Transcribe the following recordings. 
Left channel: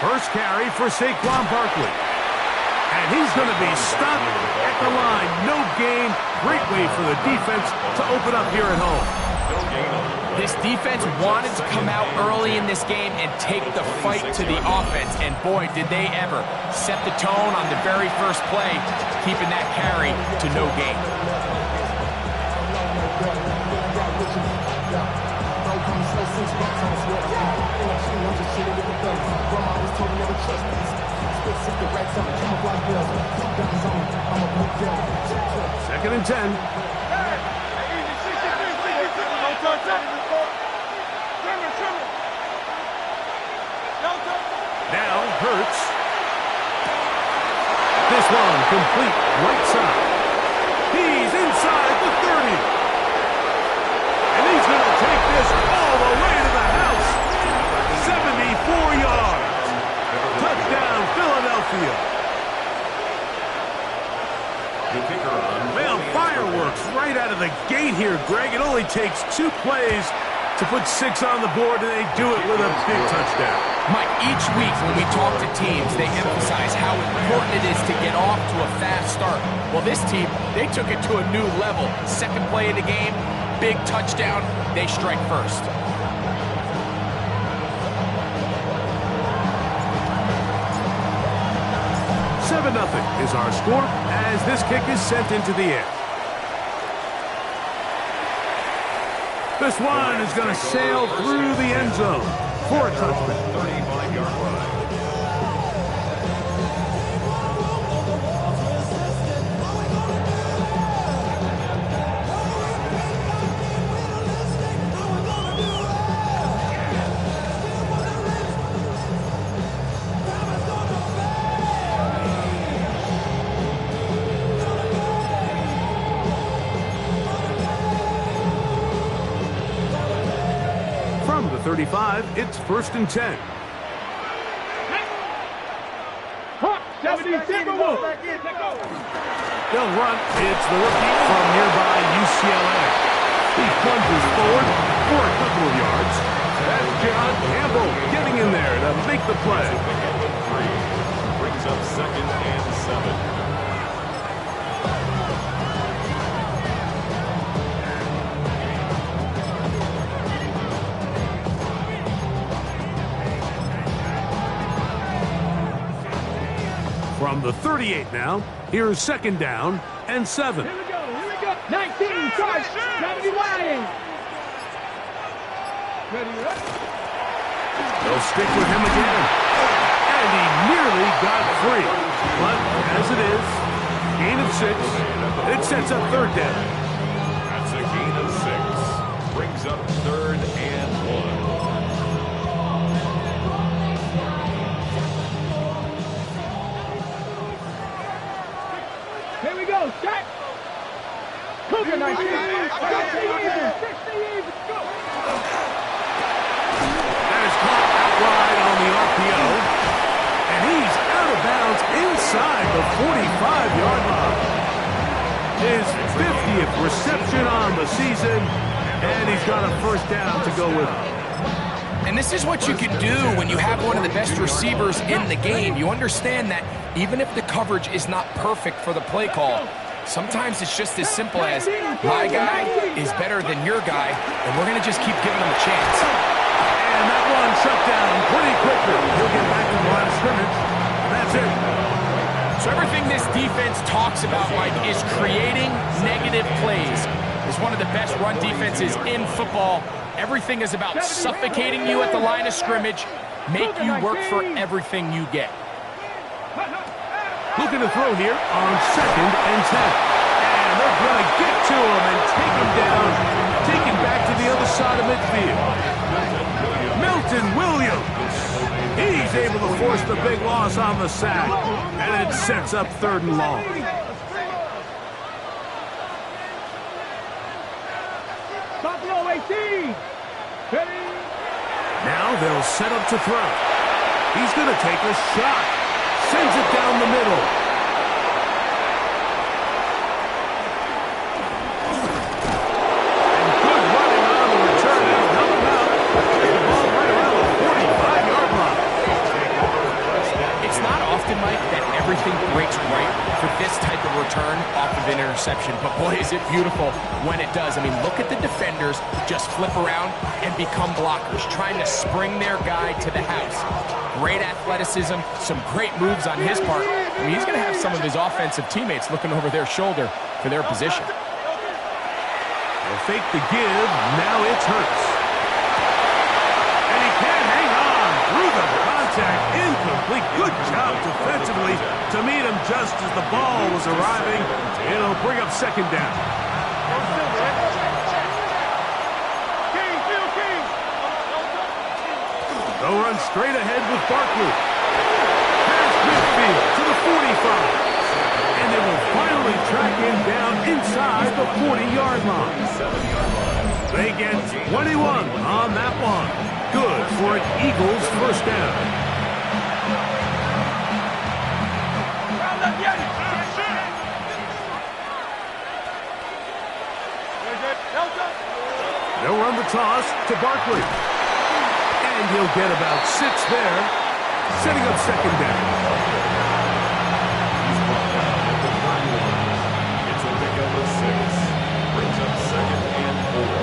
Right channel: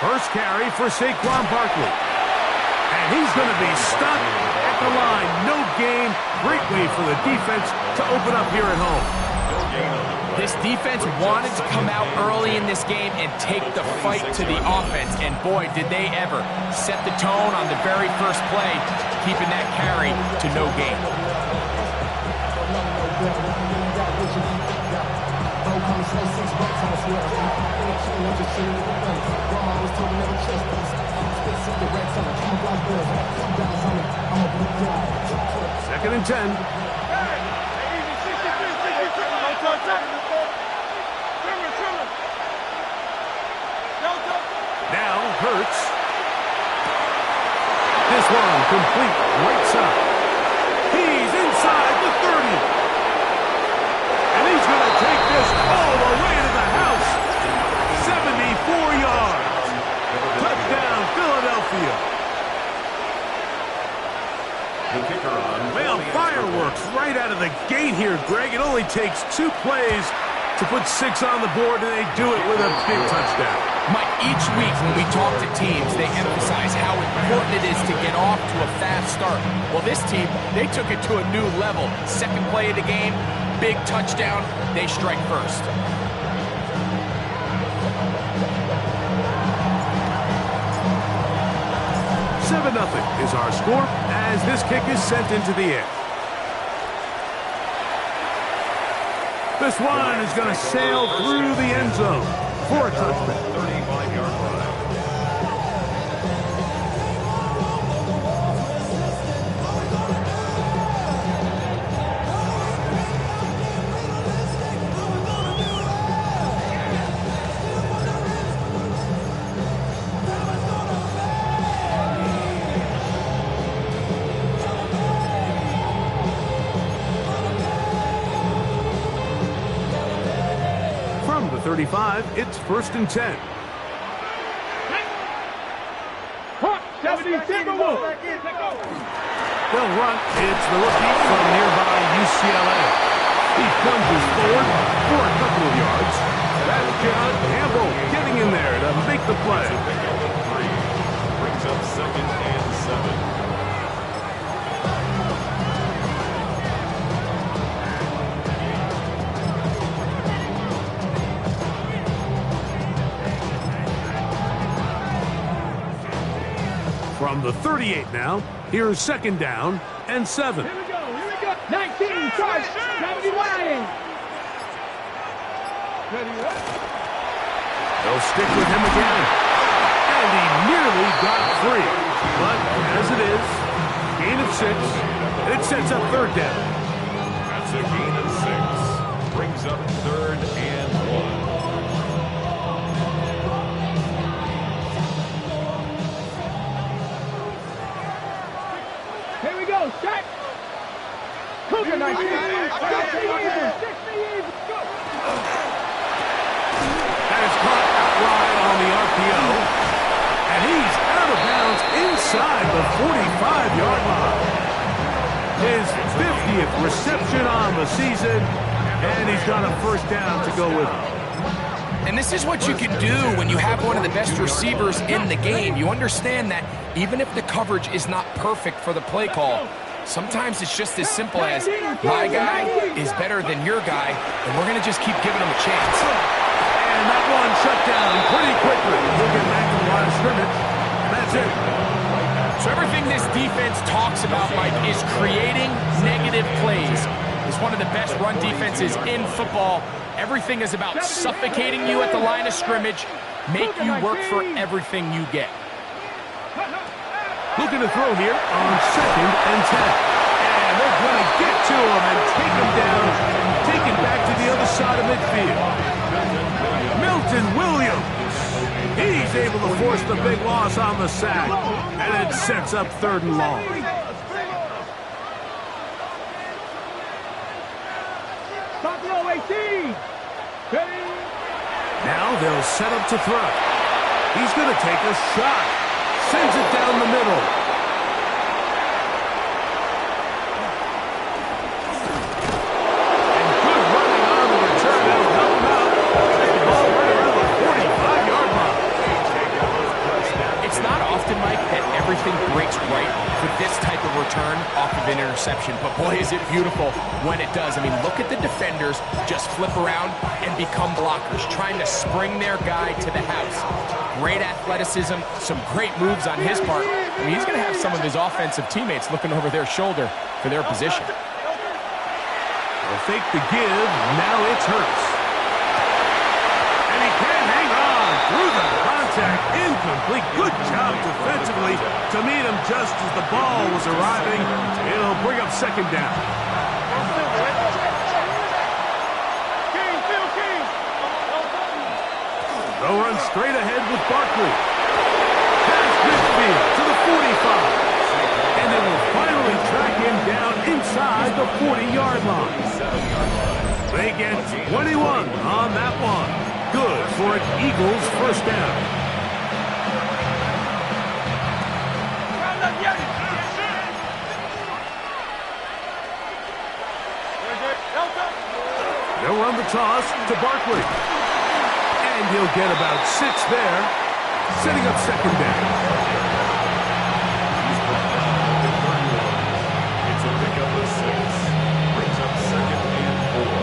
First carry for Saquon Barkley. And he's going to be stuck at the line. No gain. Great way for the defense to open up here at home. This defense wanted to come out early in this game and take the fight to the offense. And boy, did they ever set the tone on the very first play, keeping that carry to no gain. Second and 10. Now Hurts. This one complete right side. He's inside the 30. And he's going to take this all the way to the house. 74 yards. Touchdown, Philadelphia. Well, fireworks right out of the gate here, Greg. It only takes 2 plays to put 6 on the board, and they do it with a big touchdown. Mike, each week when we talk to teams, they emphasize how important it is to get off to a fast start. Well, this team, they took it to a new level. Second play of the game, big touchdown, they strike first. Nothing is our score as this kick is sent into the air. This one is going to sail through the end zone for a touchdown. 35-yard line. From the 35, it's first and 10. They'll run. It's the rookie from nearby UCLA. He plunges forward for a couple of yards. That's John Campbell getting in there to make the play. Brings up second and 7. From the 38 now, here's second down and 7. Here we go, 19, charge, 70 wide. They'll stick with him again. And he nearly got free. But as it is, gain of 6, it sets up third down. That's a gain of 6. Brings up third and 1. Here we go, set. Cougar 19. 60 even. Go. That is caught out wide on the RPO. And he's out of bounds inside the 45-yard line. His 50th reception on the season. And he's got a first down to go with him. And this is what you can do when you have one of the best receivers in the game. You understand that even if the coverage is not perfect for the play call, sometimes it's just as simple as my guy is better than your guy, and we're going to just keep giving him a chance. And that one shut down pretty quickly. He'll get back to the line of scrimmage, and that's it. So everything this defense talks about, Mike, is creating negative plays. It's one of the best run defenses in football. Everything is about suffocating you at the line of scrimmage, make you work for everything you get. Looking to throw here on second and 10. And they're going to get to him and take him down, take him back to the other side of midfield. Milton Williams. He's able to force the big loss on the sack, and it sets up third and long. Buffalo 18. Now they'll set up to throw. He's going to take a shot. Sends it down the middle. And return off of an interception, but boy, is it beautiful when it does. I mean, look at the defenders just flip around and become blockers, trying to spring their guy to the house. Great athleticism, some great moves on his part. I mean, he's going to have some of his offensive teammates looking over their shoulder for their position. They'll fake the give. Now it's Hurts. And he can't hang on through the contact. Incomplete. Good job defensively to meet him just as the ball was arriving. It'll bring up second down. They'll run straight ahead with Barkley. Past midfield to the 45. And they will finally track him down inside the 40-yard line. They get 21 on that one. Good for an Eagles first down. They'll run the toss to Barkley. And he'll get about 6 there, setting up second down. Pickup of 6. Brings up second and 4.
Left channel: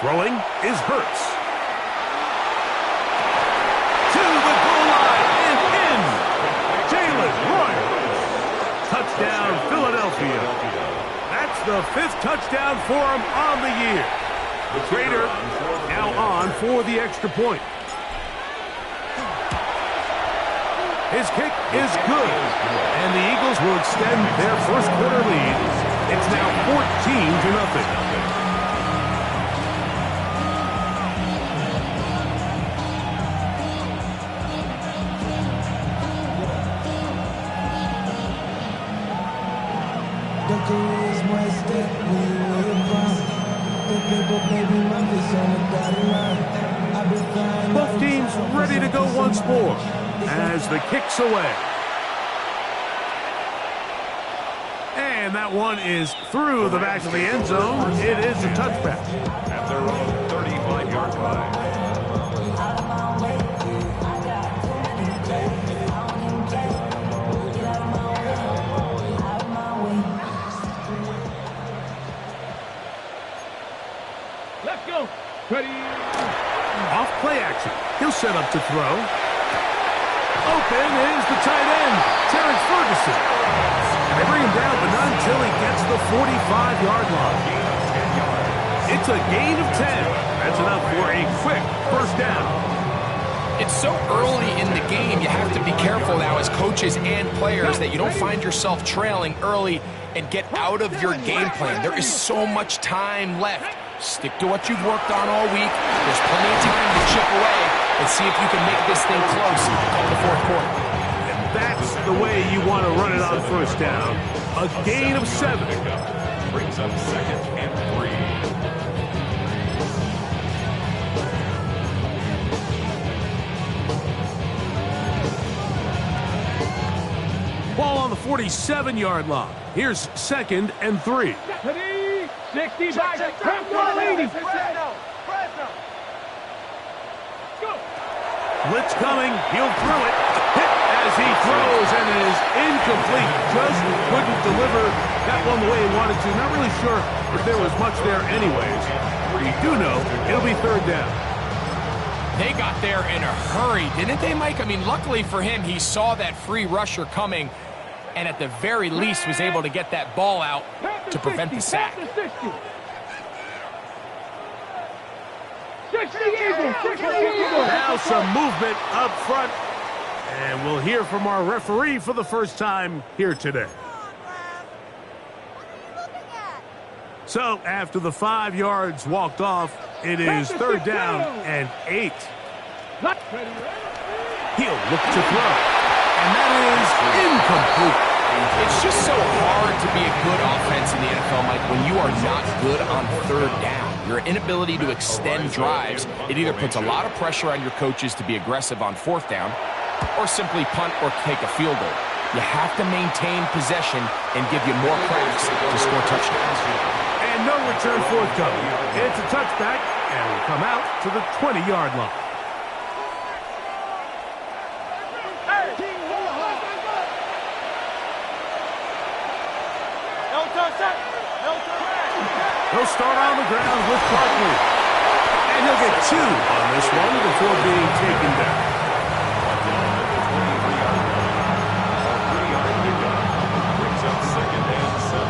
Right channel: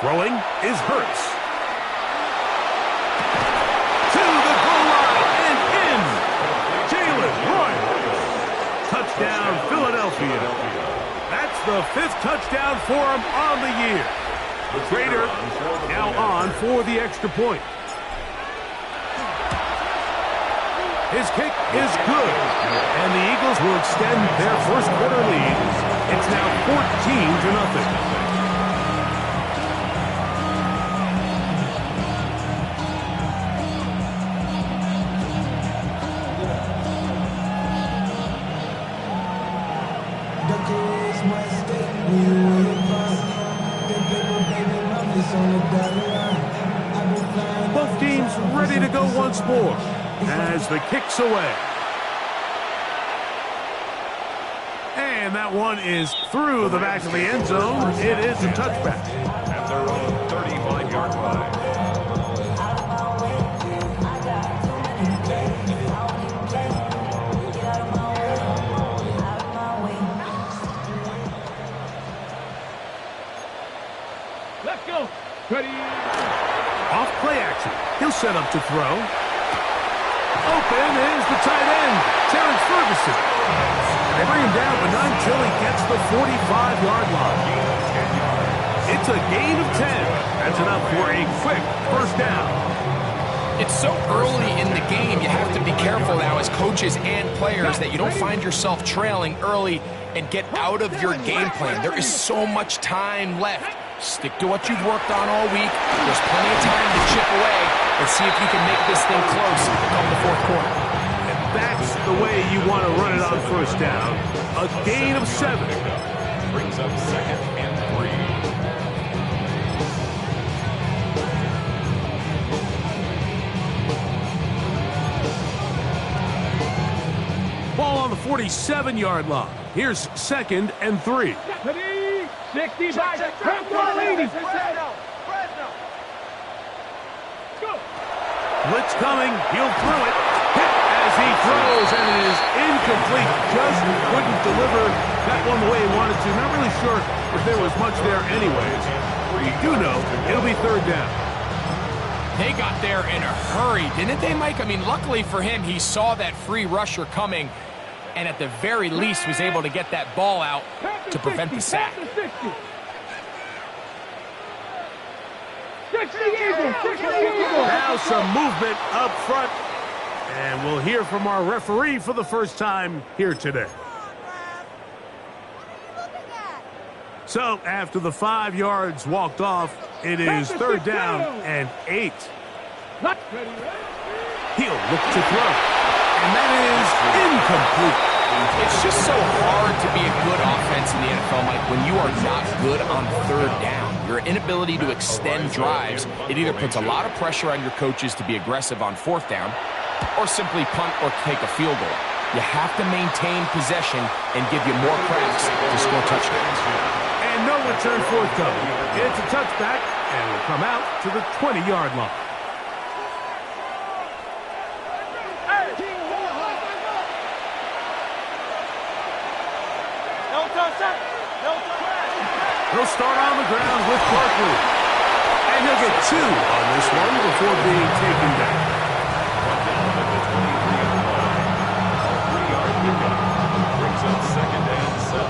Throwing is Hurts. To the goal line and in. Jalen Royals. Touchdown, Philadelphia. That's the 5th touchdown for him on the year. Trader now on for the extra point. His kick is good, and the Eagles will extend their first quarter lead. It's now 14-0. Both teams ready to go once more as the kick's away. And that one is through the back of the end zone. It is a touchback. At their own 35-yard line. Let's go. Ready. Off play action. He'll set up to throw. Open is the tight end, Terrence Ferguson. And they bring him down, but not until he gets the 45-yard line. Gain of 10 yards. It's a gain of 10. That's enough for a quick first down. It's so early in the game, you have to be careful now as coaches and players that you don't find yourself trailing early and get out of your game plan. There is so much time left. Stick to what you've worked on all week. There's plenty of time to chip away and see if you can make this thing close come the fourth quarter. And that's the way you want to run it on first down. A gain of 7. Brings up second and 3. Ball on the 47-yard line. Here's second and 3. 65. Come on, ladies. Go. Blitz coming. He'll throw it. Hit as he throws, and it is incomplete. Just couldn't deliver that one the way he wanted to. Not really sure if there was much there anyways. We do know it'll be third down. They got there in a hurry, didn't they, Mike? I mean, luckily for him, he saw that free rusher coming and at the very least was able to get that ball out to prevent the sack. 60 Eagles. Now some movement up front, and we'll hear from our referee for the first time here today. So after the 5 yards walked off, it is third down and 8. He'll look to throw, and that is incomplete. It's just so hard to be a good offense in the NFL, Mike, when you are not good on third down. Your inability to extend drives, it either puts a lot of pressure on your coaches to be aggressive on fourth down or simply punt or take a field goal. You have to maintain possession and give you more cracks to score touchdowns. And no return forthcoming. It's a touchback, and will come out to the 20-yard line. He'll start on the ground with Barkley. And he'll get 2 on this one before being taken down. Brought down at the 23-yard line. A 3-yard pickup brings up 2nd and 7.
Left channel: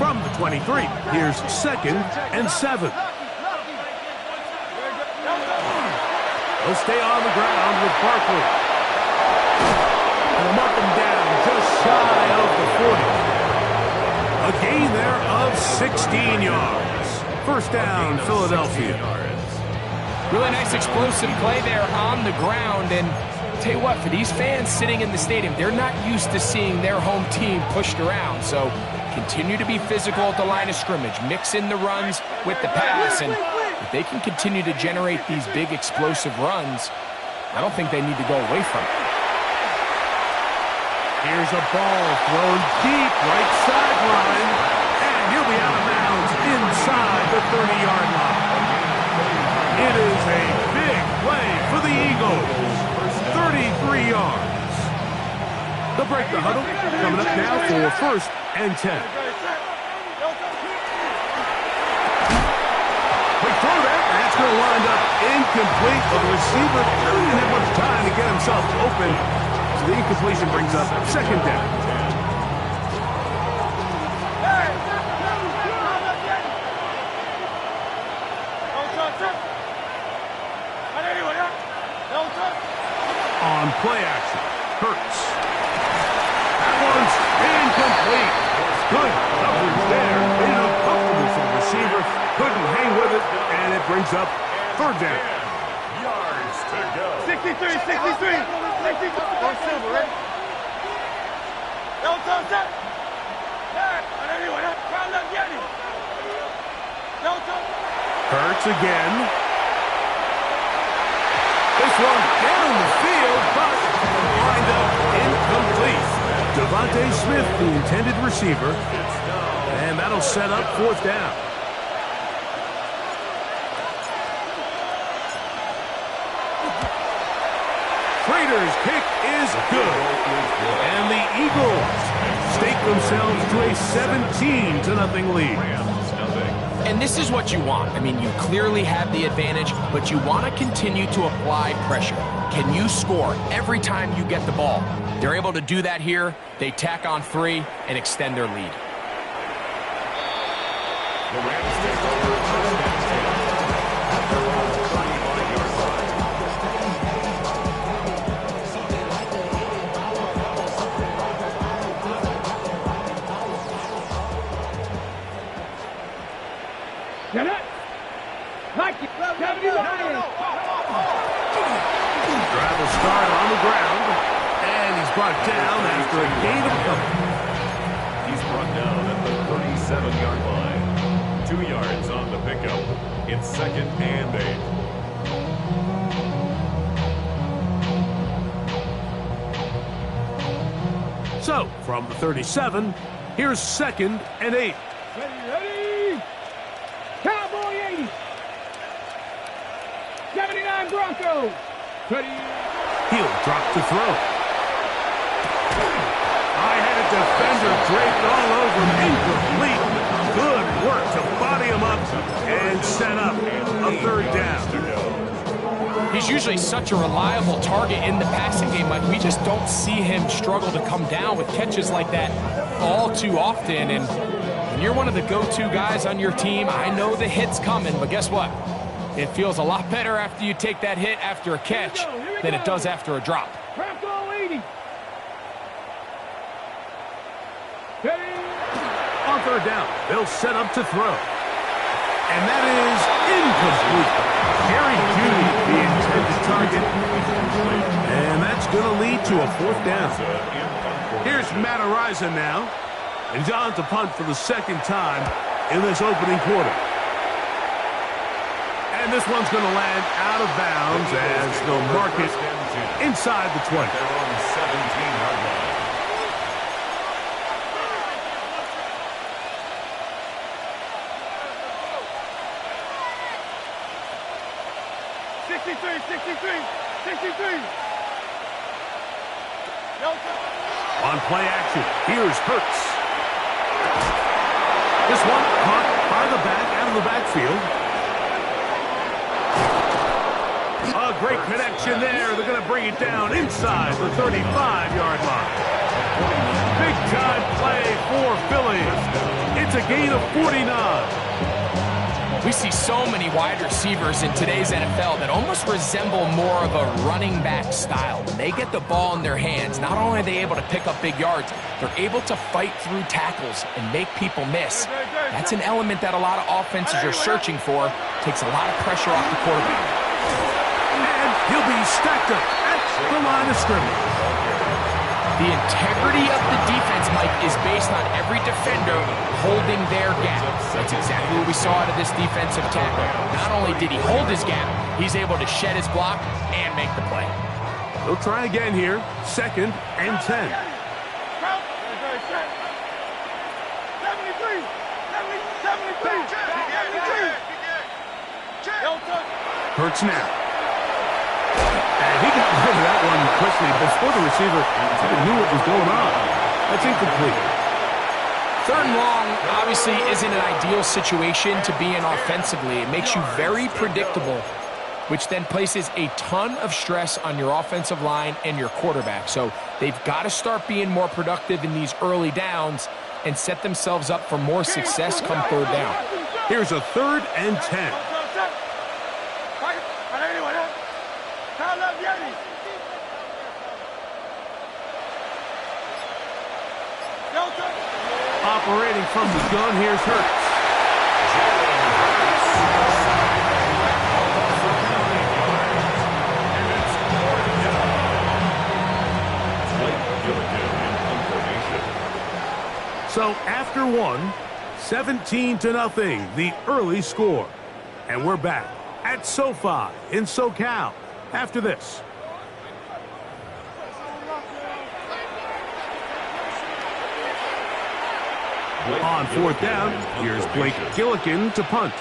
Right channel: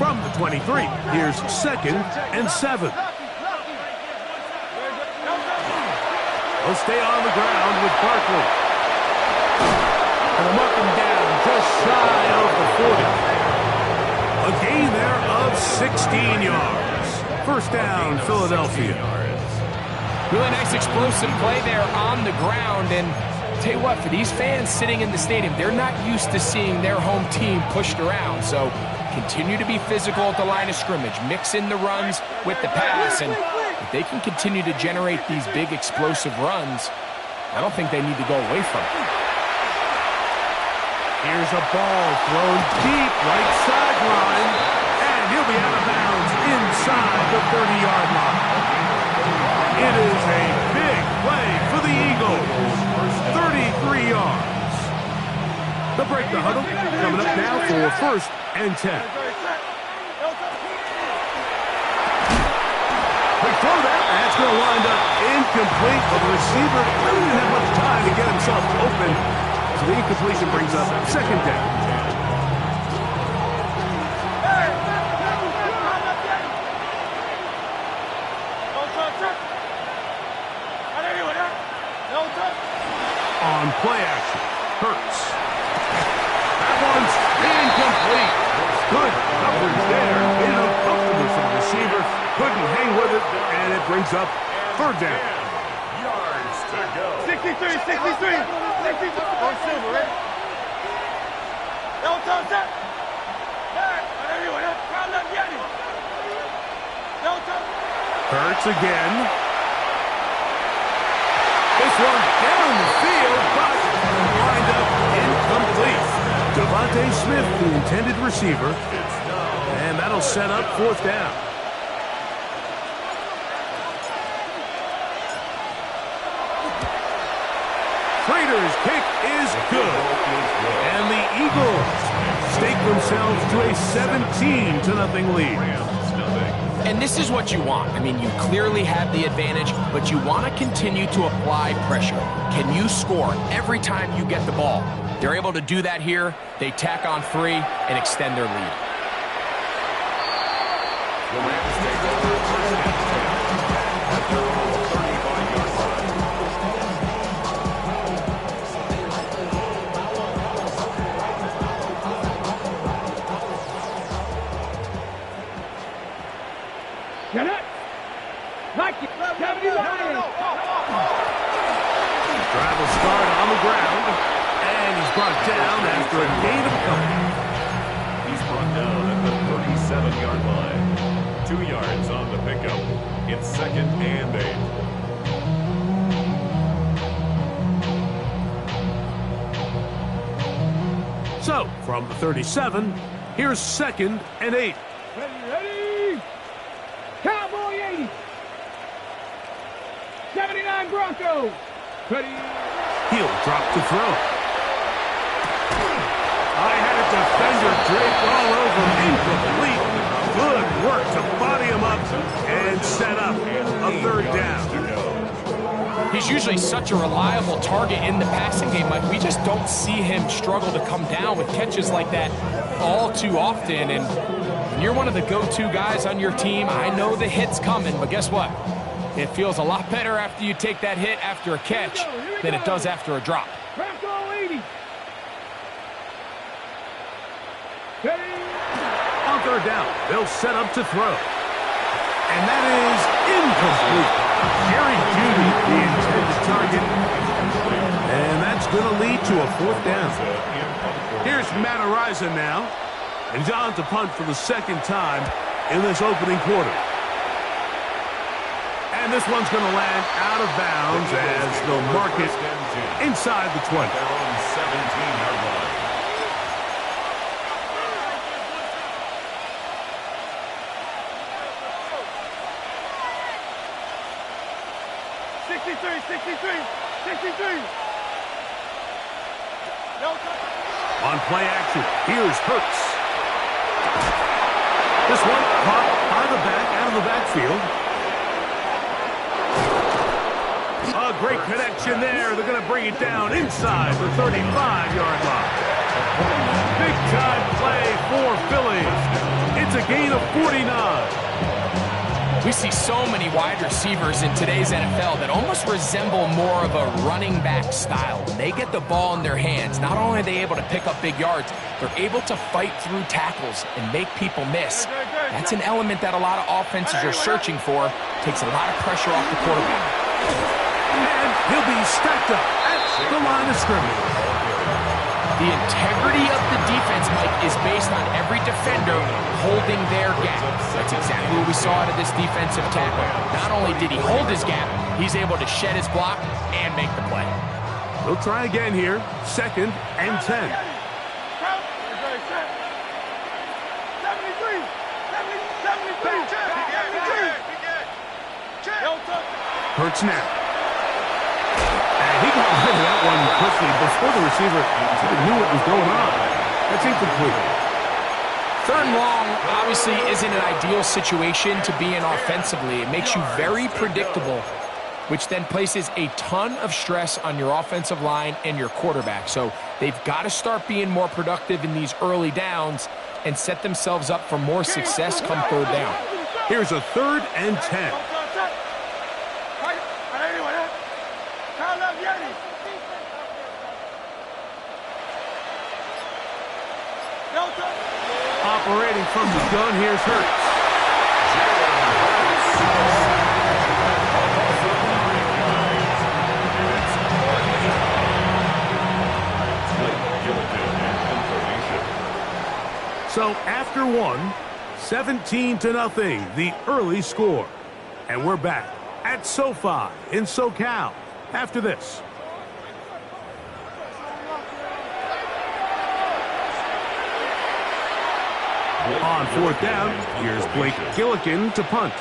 From the 23, here's 2nd and 7. He'll stay on the ground with Barkley. And they'll mark him down just shy of the 40. A gain there of 16 yards. First down, Philadelphia. Really nice explosive play there on the ground. And tell you what, for these fans sitting in the stadium, they're not used to seeing their home team pushed around. So continue to be physical at the line of scrimmage. Mix in the runs with the pass. And if they can continue to generate these big explosive runs, I don't think they need to go away from it. Here's a ball thrown deep right sideline, and he'll be out of bounds inside the 30-yard line. It is a big play for the Eagles. 33 yards. They'll break the huddle. Coming up now for 1st and 10. Quick throw there. That's going to wind up incomplete. But the receiver really didn't have much time to get himself open. So the incompletion brings up 2nd down. On play action, Hurts. That one's incomplete. Good coverage there. Made it uncomfortable for the receiver. Couldn't hang with it, and it brings up 3rd down. Yards to go. 63, 63. 63. On silver, right? Don't touch that. Hurts again. This one down the field, but lined up incomplete. Devontae Smith, the intended receiver, and that'll set up 4th down. Raiders' kick is good, and the Eagles stake themselves to a 17-0 lead. And this is what you want. I mean, you clearly have the advantage, but you want to continue to apply pressure. Can you score every time you get the ball? They're able to do that here. They tack on 3 and extend their lead. The Rams take over 1st and 10 at their own 35-yard line. Get it. Like it. 70 Lions. Drive will start on the ground, and he's brought down after a gain of a couple. He's brought down at the 37-yard line. 2 yards on the pickup. It's 2nd and 8. So, from the 37, here's 2nd and 8. Ready. Cowboy 80. 79 Broncos. Ready. He'll drop to throw. I had a defender draped all over him. Incomplete. Good work to body him up and set up a 3rd down. He's usually such a reliable target in the passing game. Like, we just don't see him struggle to come down with catches like that all too often. And when you're one of the go-to guys on your team, I know the hit's coming, but guess what? It feels a lot better after you take that hit after a catch than it does after a drop. Bronco 80. Ready. On 3rd down, they'll set up to throw. And that is incomplete. Jerry Jeudy, the intended target. And that's going to lead to a 4th down. Here's Matt Araiza now. And he's on to punt for the 2nd time in this opening quarter. And this one's going to land out of bounds as they'll mark it inside the 20. They're on 17-yard line. 63. On play action, here's Hurts. This one caught by the back, out of the backfield. A great connection there. They're going to bring it down inside the 35-yard line. Big-time play for Philly. It's a gain of 49. We see so many wide receivers in today's NFL that almost resemble more of a running back style. When they get the ball in their hands, not only are they able to pick up big yards, they're able to fight through tackles and make people miss. That's an element that a lot of offenses are searching for. Takes a lot of pressure off the quarterback. And he'll be stacked up at the line of scrimmage. The integrity of the defense, Mike, is based on every defender holding their gap. That's exactly what we saw out of this defensive tackle. Not only did he hold his gap, he's able to shed his block and make the play. They'll try again here. 2nd and 10. 73. Hurts now. And he got rid of that one quickly before the receiver even knew what was going on. That's incomplete. 3rd and long obviously isn't an ideal situation to be in offensively. It makes you very predictable, which then places a ton of stress on your offensive line and your quarterback. So they've got to start being more productive in these early downs and set themselves up for more success come 3rd down. Here's a 3rd and 10. Operating from the gun, here's Hurts. So after one, 17-0, the early score. And we're back at SoFi in SoCal after this. On 4th down, here's Blake Gillikin to punt,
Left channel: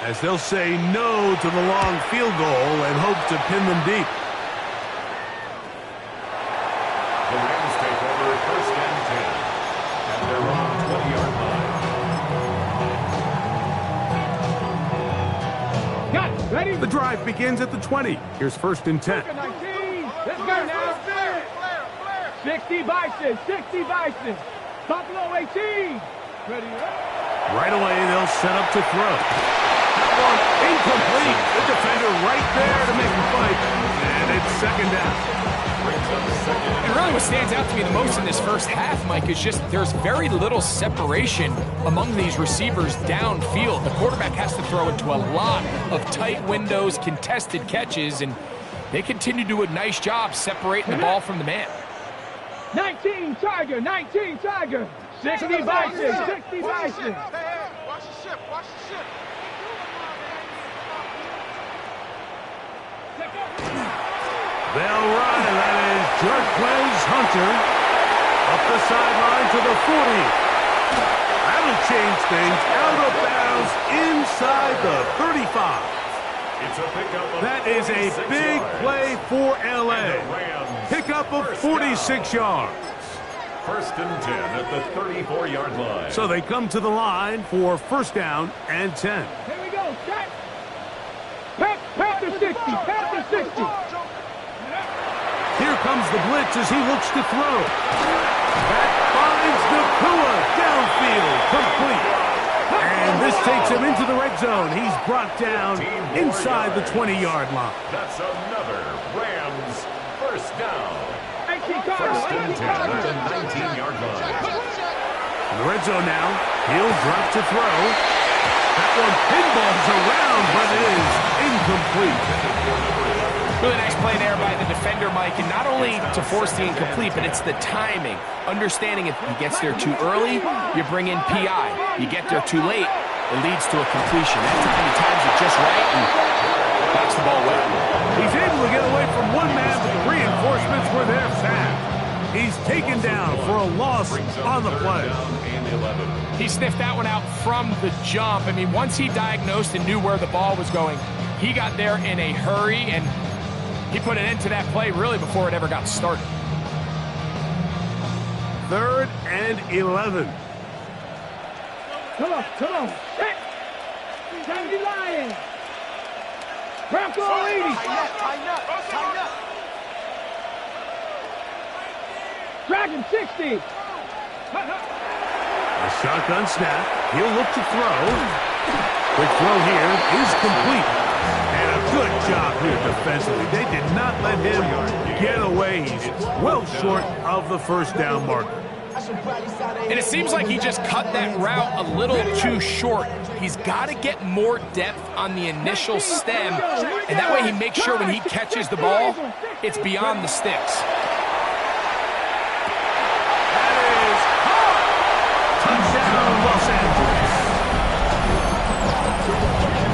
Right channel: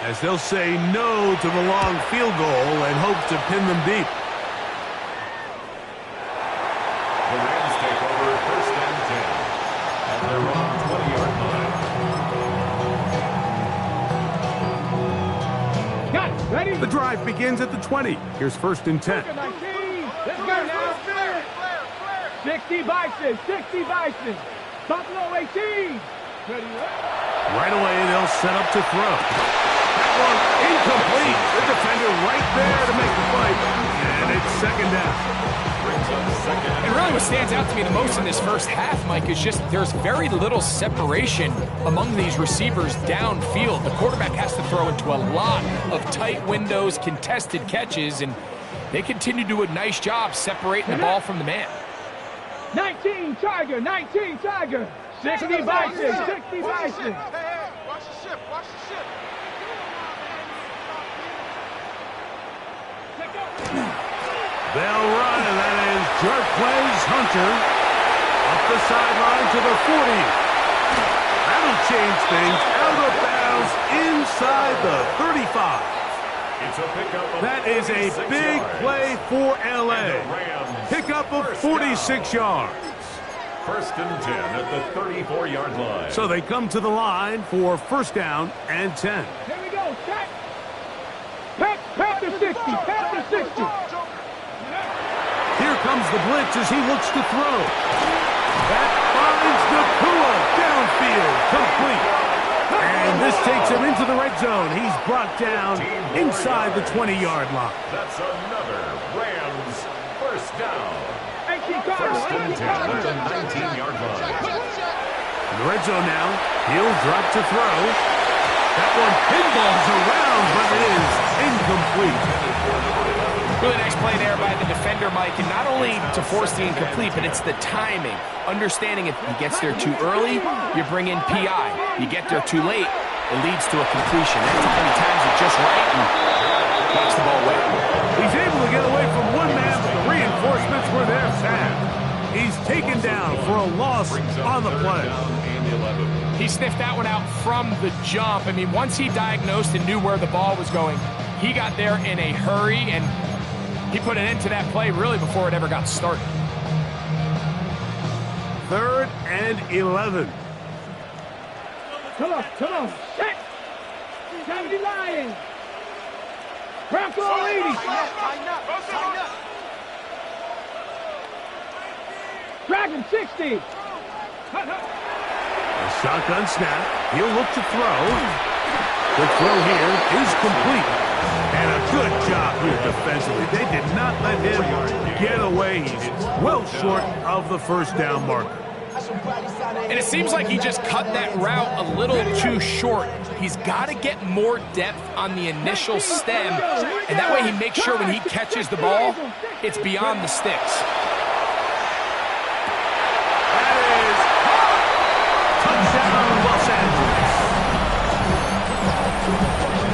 as they'll say no to the long field goal and hope to pin them deep. The Rams take over 1st and 10 at their own 20-yard line. Got ready. The drive begins at the 20. Here's 1st and 10. 19. Let's go now. 60 Bison. Buffalo 18. Ready. Right away, they'll set up to throw. That one incomplete. The defender right there to make the fight. And it's 2nd down. And really what stands out to me the most in this first half, Mike, is just there's very little separation among these receivers downfield. The quarterback has to throw into a lot of tight windows, contested catches, and they continue to do a nice job separating the ball from the man. 19 Tiger. 60 Bison. Watch the ship. They'll run, and that is Jarquez Hunter up the sideline to the 40. That'll change things. Out of bounds inside the 35. It's a pickup of That is a big play for LA. Pickup of 46 yards. 1st and 10 at the 34-yard line. So they come to the line for 1st down and 10. Here we go. Set. Panther 60. Here comes the blitz as he looks to throw. That finds Nakua downfield, complete. And this takes him into the red zone. He's brought down inside the 20-yard line. That's another Rams 1st down. 1st and 10 at the 19-yard line. In the red zone now, he'll drop to throw. That one pinballs around, but it is incomplete. Headed for number 11. Really nice play there by the defender, Mike, and not only to force the incomplete, but it's the timing. Understanding if he gets there too early, you bring in PI. You get there too late, it leads to a completion. That many times it's just right and knocks the ball away. He's able to get away from one man, but the reinforcements were there fast. He's taken down for a loss on the play. He sniffed that one out from the jump. I mean, once he diagnosed and knew where the ball was going, he got there in a hurry, and he put an end to that play really before it ever got started. 3rd and 11. Come on. Set. 70 Lions. Bronco 80. Tighten up. Dragon 60. A shotgun snap. He'll look to throw. Quick throw here is complete. And a good job here defensively. They did not let him get away. He's well short of the first down marker. And it seems like he just cut that route a little too short. He's got to get more depth on the initial stem, and that way he makes sure when he catches the ball, it's beyond the sticks. That is hot! Touchdown, Los Angeles.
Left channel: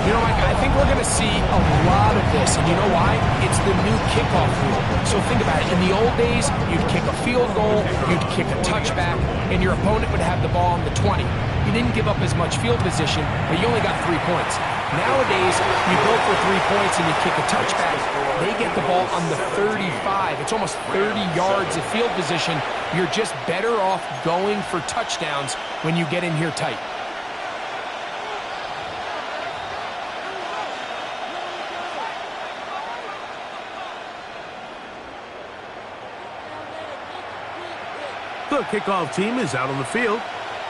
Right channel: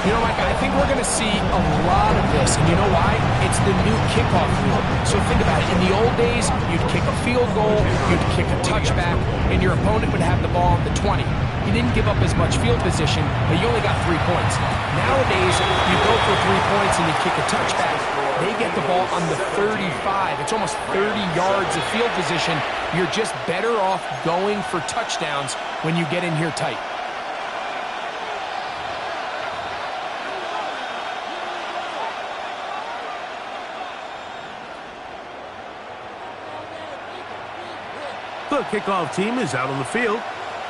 You know, Mike, I think we're going to see a lot of this, and you know why? It's the new kickoff rule. So think about it. In the old days, you'd kick a field goal, you'd kick a touchback, and your opponent would have the ball on the 20. You didn't give up as much field position, but you only got 3 points. Nowadays, you go for 3 points and you kick a touchback. They get the ball on the 35. It's almost 30 yards of field position. You're just better off going for touchdowns when you get in here tight. The kickoff team is out on the field,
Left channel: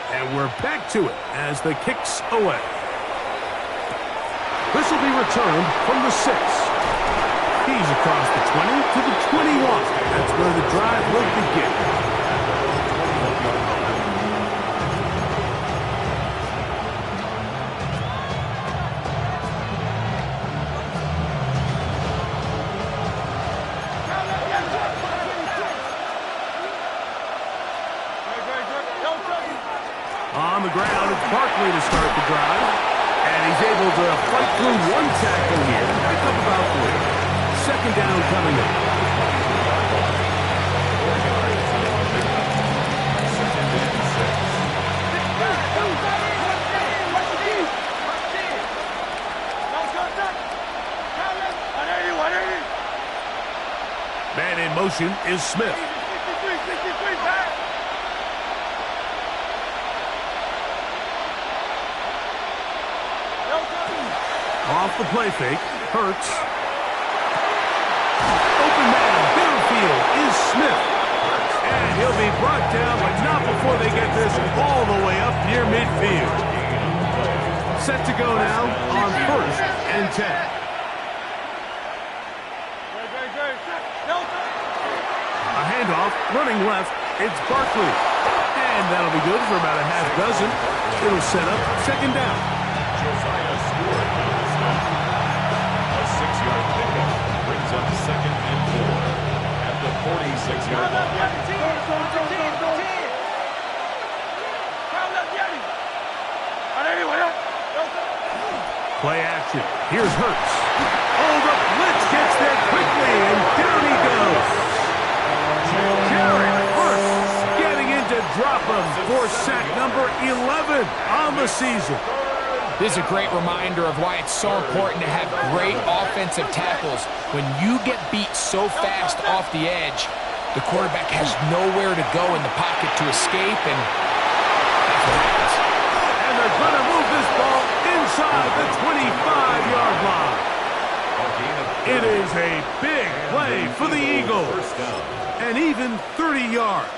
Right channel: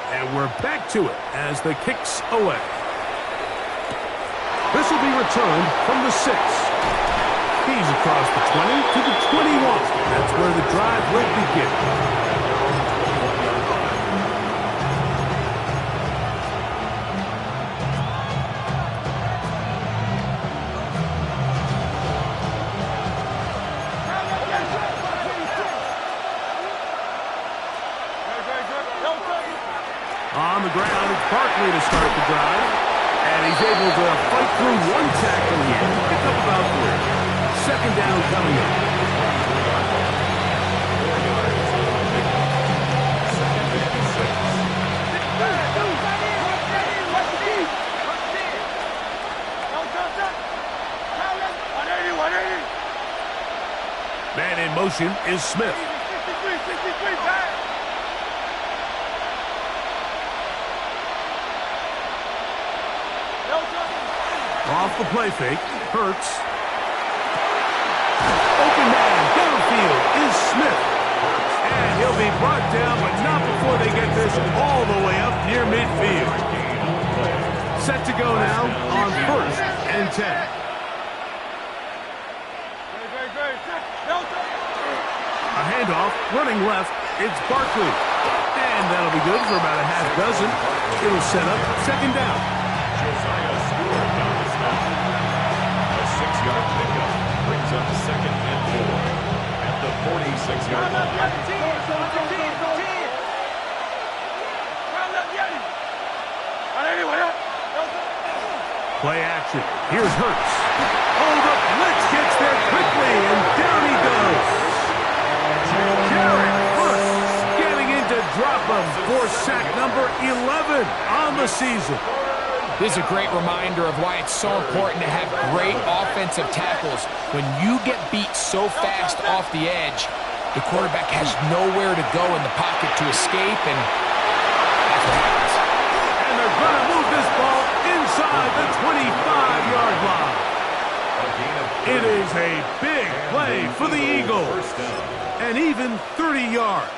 and we're back to it as the kick's away. This will be returned from the 6. He's across the 20 to the 21. That's where the drive will begin. On the ground, it's Barkley to start the drive. And he's able to fight through one tackle here. Pick up about 3. Second down coming up. 4 yards on the pickup. 2nd and 6. Man in motion is Smith. Off the play fake, Hurts. Open man, downfield is Smith. And he'll be brought down, but not before they get this all the way up near midfield. Set to go now on 1st and 10. A handoff, running left, it's Barkley. And that'll be good for about a half dozen. It'll set up 2nd down. Josiah Stewart on the stop. A 6-yard pickup brings up 2nd and 4 at the 46-yard line. Play action. Here's Hurts. Oh, the blitz gets there quickly, and down he goes. Jared Hurts getting in to drop him for sack number 11 on the season. This is a great reminder of why it's so important to have great offensive tackles. When you get beat so fast off the edge, the quarterback has nowhere to go in the pocket to escape, and that's what happens. And they're going to move this ball inside the 25-yard line. It is a big play for the Eagles. And even 30 yards.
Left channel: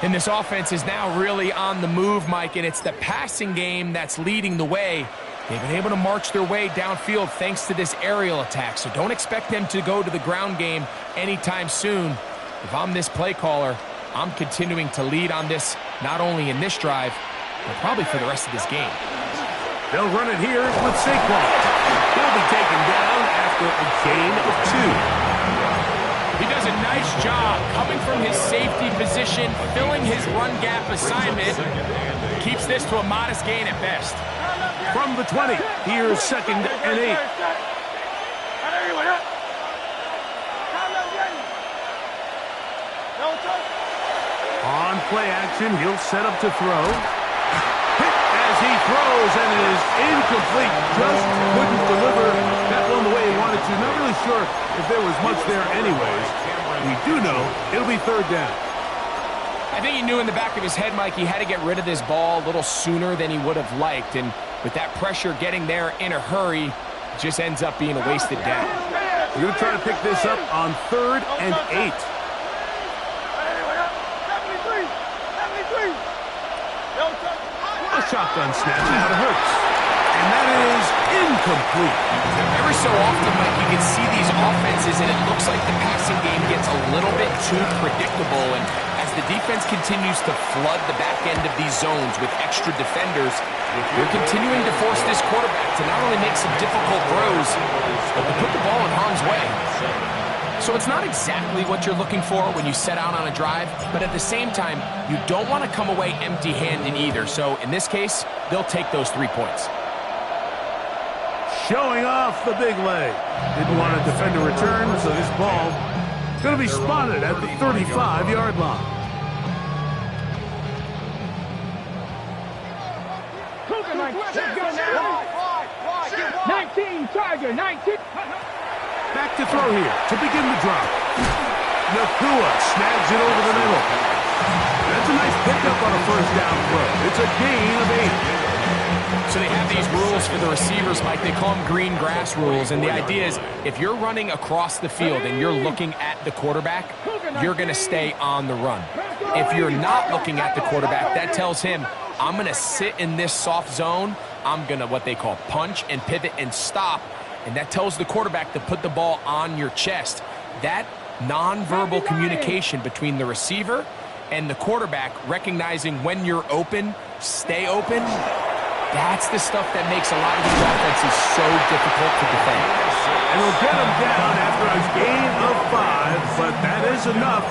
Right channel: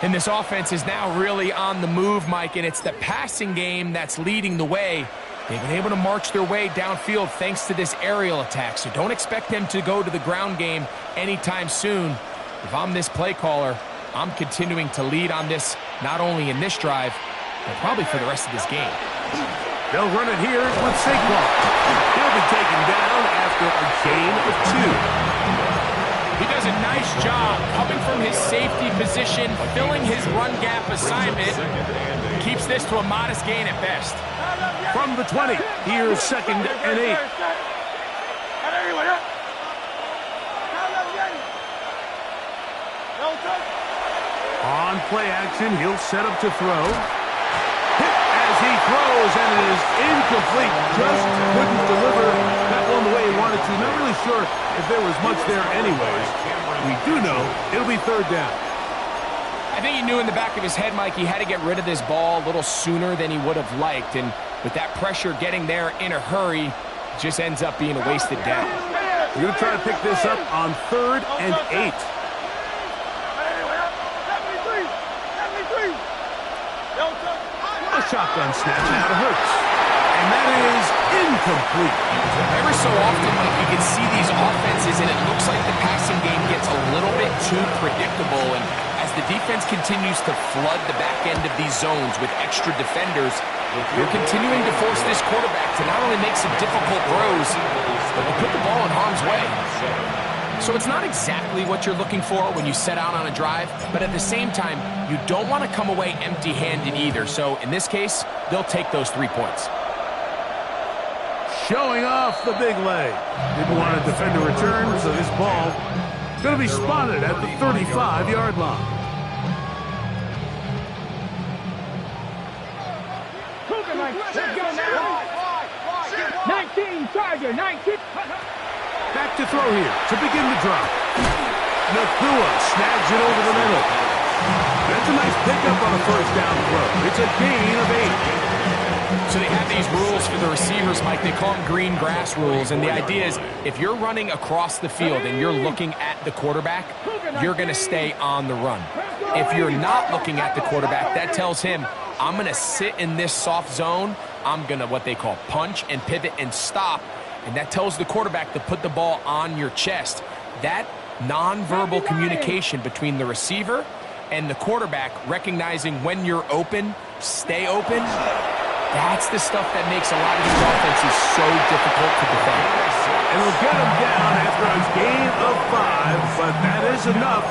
And this offense is now really on the move, Mike, and it's the passing game that's leading the way. They've been able to march their way downfield thanks to this aerial attack, so don't expect them to go to the ground game anytime soon. If I'm this play caller, I'm continuing to lead on this, not only in this drive, but probably for the rest of this game. They'll run it here with Saquon. He'll be taken down after a gain of 2. He does a nice job coming from his safety position, filling his run gap assignment. Keeps this to a modest gain at best. From the 20, here's 2nd and 8. On play action, he'll set up to throw. Hit as he throws, and it is incomplete. Just couldn't deliver that one the way he wanted to. Not really sure if there was much there anyways. We do know it'll be 3rd down. I think he knew in the back of his head, Mike, he had to get rid of this ball a little sooner than he would have liked. And with that pressure getting there in a hurry, it just ends up being a wasted down. We're going to try to pick this up on 3rd and 8. A shotgun snap out of Hurts. And that is incomplete. Every so often, Mike, you can see these offenses, and it looks like the passing game gets a little bit too predictable. And as the defense continues to flood the back end of these zones with extra defenders, they're continuing to force this quarterback to not only make some difficult throws, but to put the ball in harm's way. So it's not exactly what you're looking for when you set out on a drive, but at the same time, you don't want to come away empty-handed either. So in this case, they'll take those 3 points. Showing off the big leg. Didn't want to defend a return, so this ball going to be spotted at the 35-yard line. Let's go now. 19, Charger, 19. Back to throw here to begin the drop. Nakua snags it over the middle. That's a nice pickup on a 1st down throw. It's a gain of 8. So they have these rules for the receivers, Mike. They call them green grass rules. And the idea is if you're running across the field and you're looking at the quarterback, you're going to stay on the run. If you're not looking at the quarterback, that tells him, I'm going to sit in this soft zone. I'm going to what they call punch and pivot and stop. And that tells the quarterback to put the ball on your chest. That nonverbal communication between the receiver and the quarterback, recognizing when you're open, stay open, that's the stuff that makes a lot of these offenses so difficult to defend. And he'll get him down after a gain of 5, but that is enough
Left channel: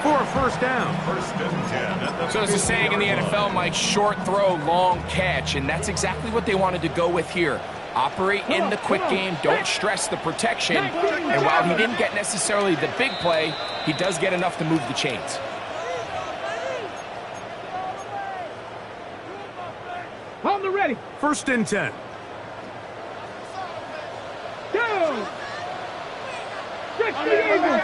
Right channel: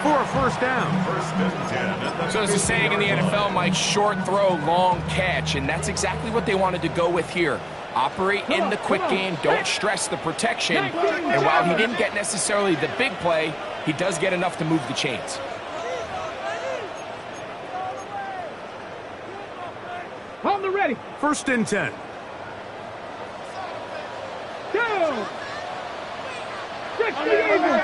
for a 1st down. 1st and 10. So there's a saying in the NFL, Mike, short throw, long catch, and that's exactly what they wanted to go with here. Operate in the quick game, don't stress the protection, and while he didn't get necessarily the big play, he does get enough to move the chains. On the ready. 1st and 10. Down. 60 Eagles.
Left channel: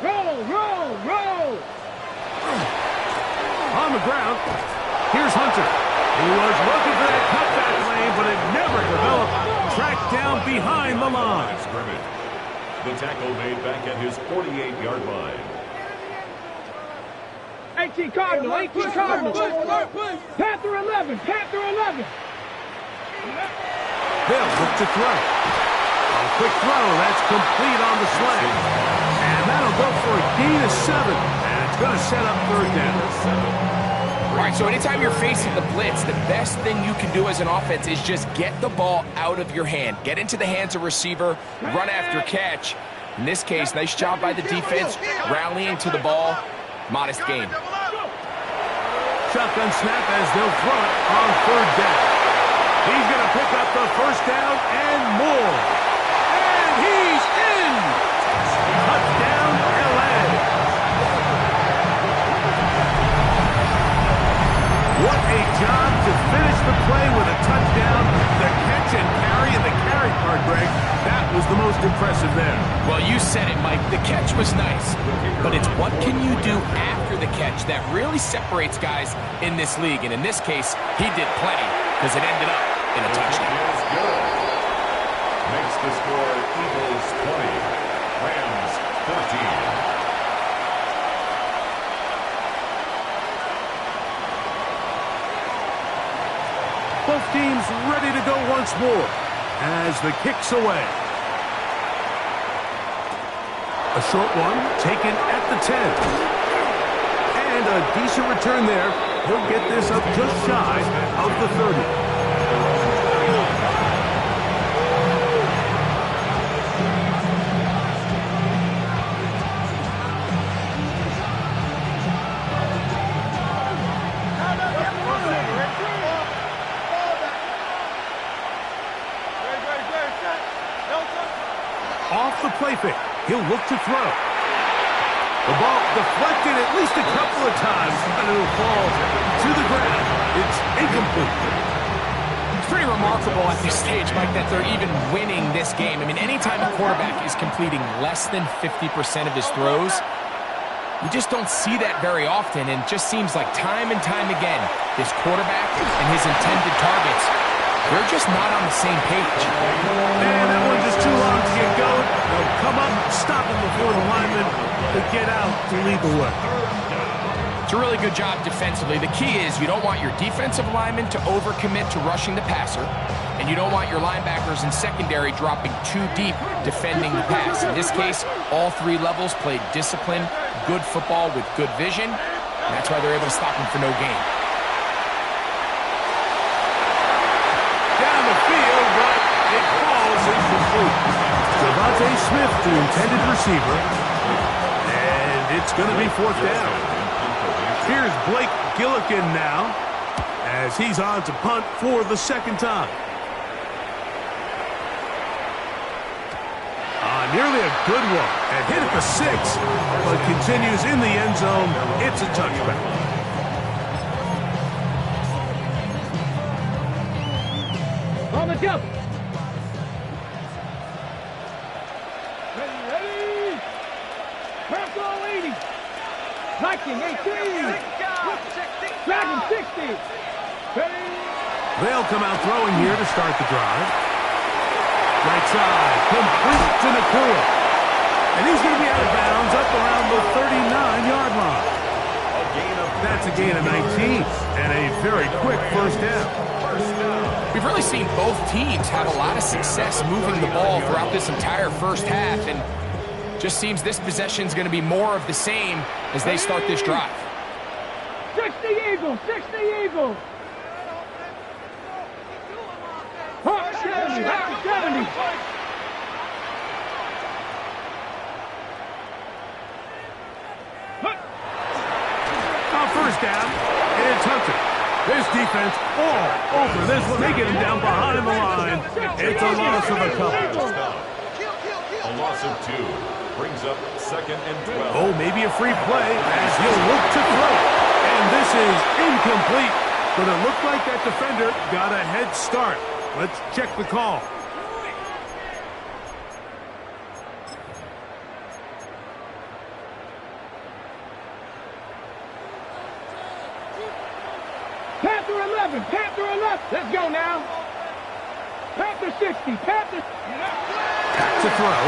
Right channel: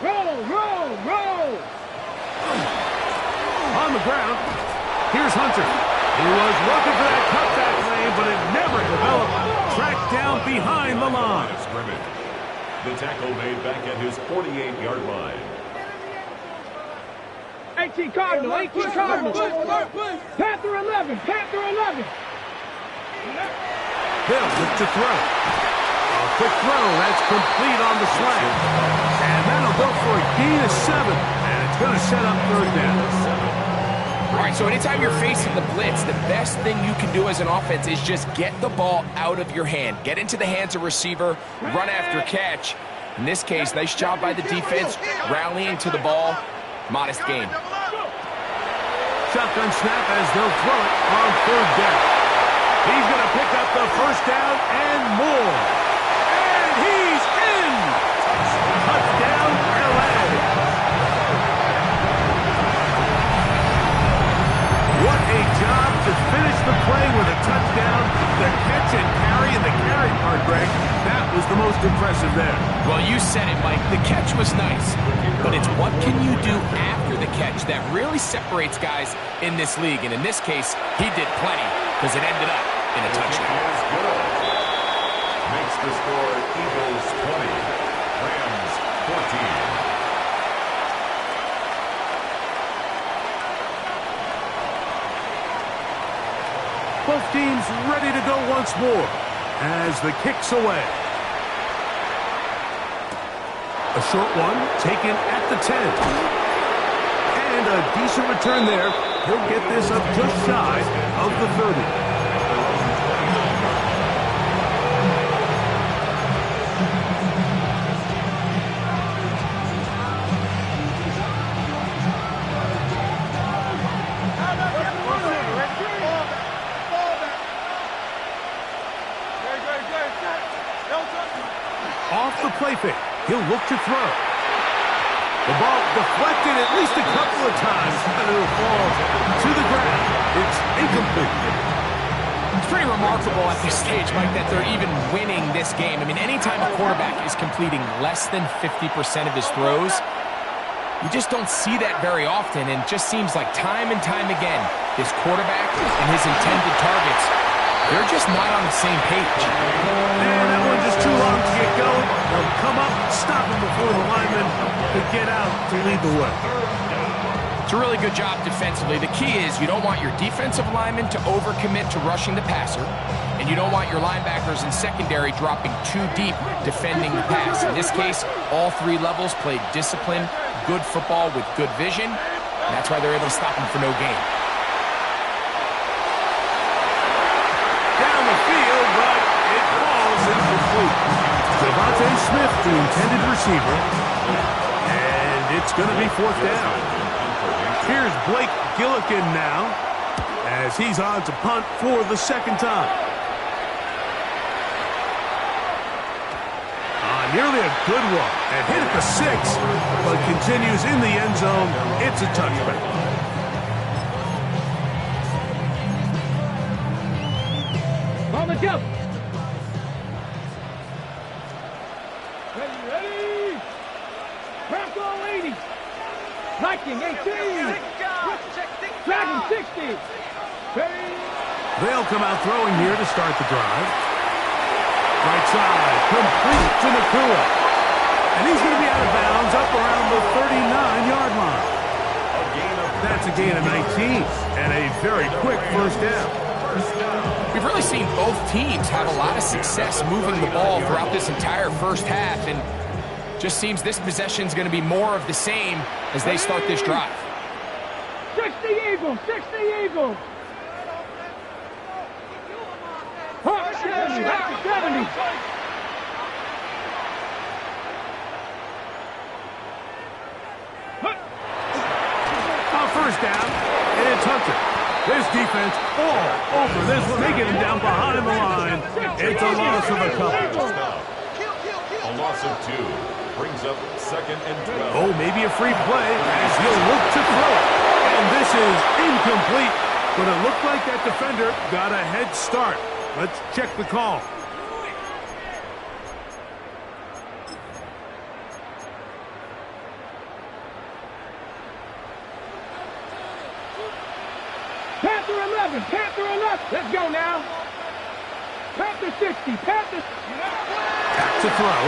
Roll. On the ground, here's Hunter. He was looking for that cutback lane, but it never developed. Tracked down behind the line. The tackle made back at his 48-yard line. 18 Cardinal. Panther 11. They'll look to throw. A quick throw, that's complete on the slant. And that'll go for a gain of 7. And it's going to set up 3rd down. All right, so anytime you're facing the blitz, the best thing you can do as an offense is just get the ball out of your hand. Get into the hands of receiver, run after catch. In this case, nice job by the defense, rallying to the ball. Modest gain. Shotgun snap as they'll throw it on 3rd down. He's going to pick up the 1st down and more. And he's in! Touchdown, LA! What a job to finish the play with a touchdown. The catch and carry, and the carry part, Greg, that was the most impressive there. Well, you said it, Mike. The catch was nice, but it's what can you do after the catch that really separates guys in this league. And in this case, he did plenty because it ended up in a touchdown. Is good. Makes the score Eagles 20, Rams 14. Both teams ready to go once more as the kick's away. A short one taken at the 10. And a decent return there. He'll get this up just shy of the 30. At their own 29-yard line. Off the play fake. He'll look to throw. The ball deflected at least a couple of times, and it'll fall to the ground. It's incomplete. It's pretty remarkable at this stage, Mike, that they're even winning this game. I mean, anytime a quarterback is completing less than 50% of his throws, you just don't see that very often, and it just seems like time and time again, this quarterback and his intended targets, they're just not on the same page. And that one just too long to get going. They'll come up, stop him before the lineman to get out to lead the way. It's a really good job defensively. The key is you don't want your defensive linemen to overcommit to rushing the passer, and you don't want your linebackers in secondary dropping too deep defending the pass. In this case, all three levels played disciplined, good football with good vision. And that's why they're able to stop him for no gain. Down the field, but it falls incomplete. Devontae Smith, the intended receiver, and it's going to be fourth down. Here's Blake Gillikin now, as he's on to punt for the second time. Nearly a good one, and hit at the 6, but continues in the end zone. It's a touchback. On the jump. Ready. Bronco 80. Viking 18. Dragon 60. Ready. They'll come out throwing here to start the drive. Right side, complete to Nakua. And he's going to be out of bounds up around the 39-yard line. That's a gain of 19 and a very quick first down. We've really seen both teams have a lot of success moving the ball throughout this entire first half, and just seems this possession is going to be more of the same as they start this drive. 60 Eagles, 60 Eagles. 70. First down, and it's Hunter. This defense all over this one. They get him down behind the line. It's a loss of a couple. A loss of 2 brings up 2nd and 12. Oh, maybe a free play as he'll look to throw it. And this is incomplete, but it looked like that defender got a head start. Let's check the call. Panther 11, Panther 11. Let's go now. Panther 60, Panther. Back to throw.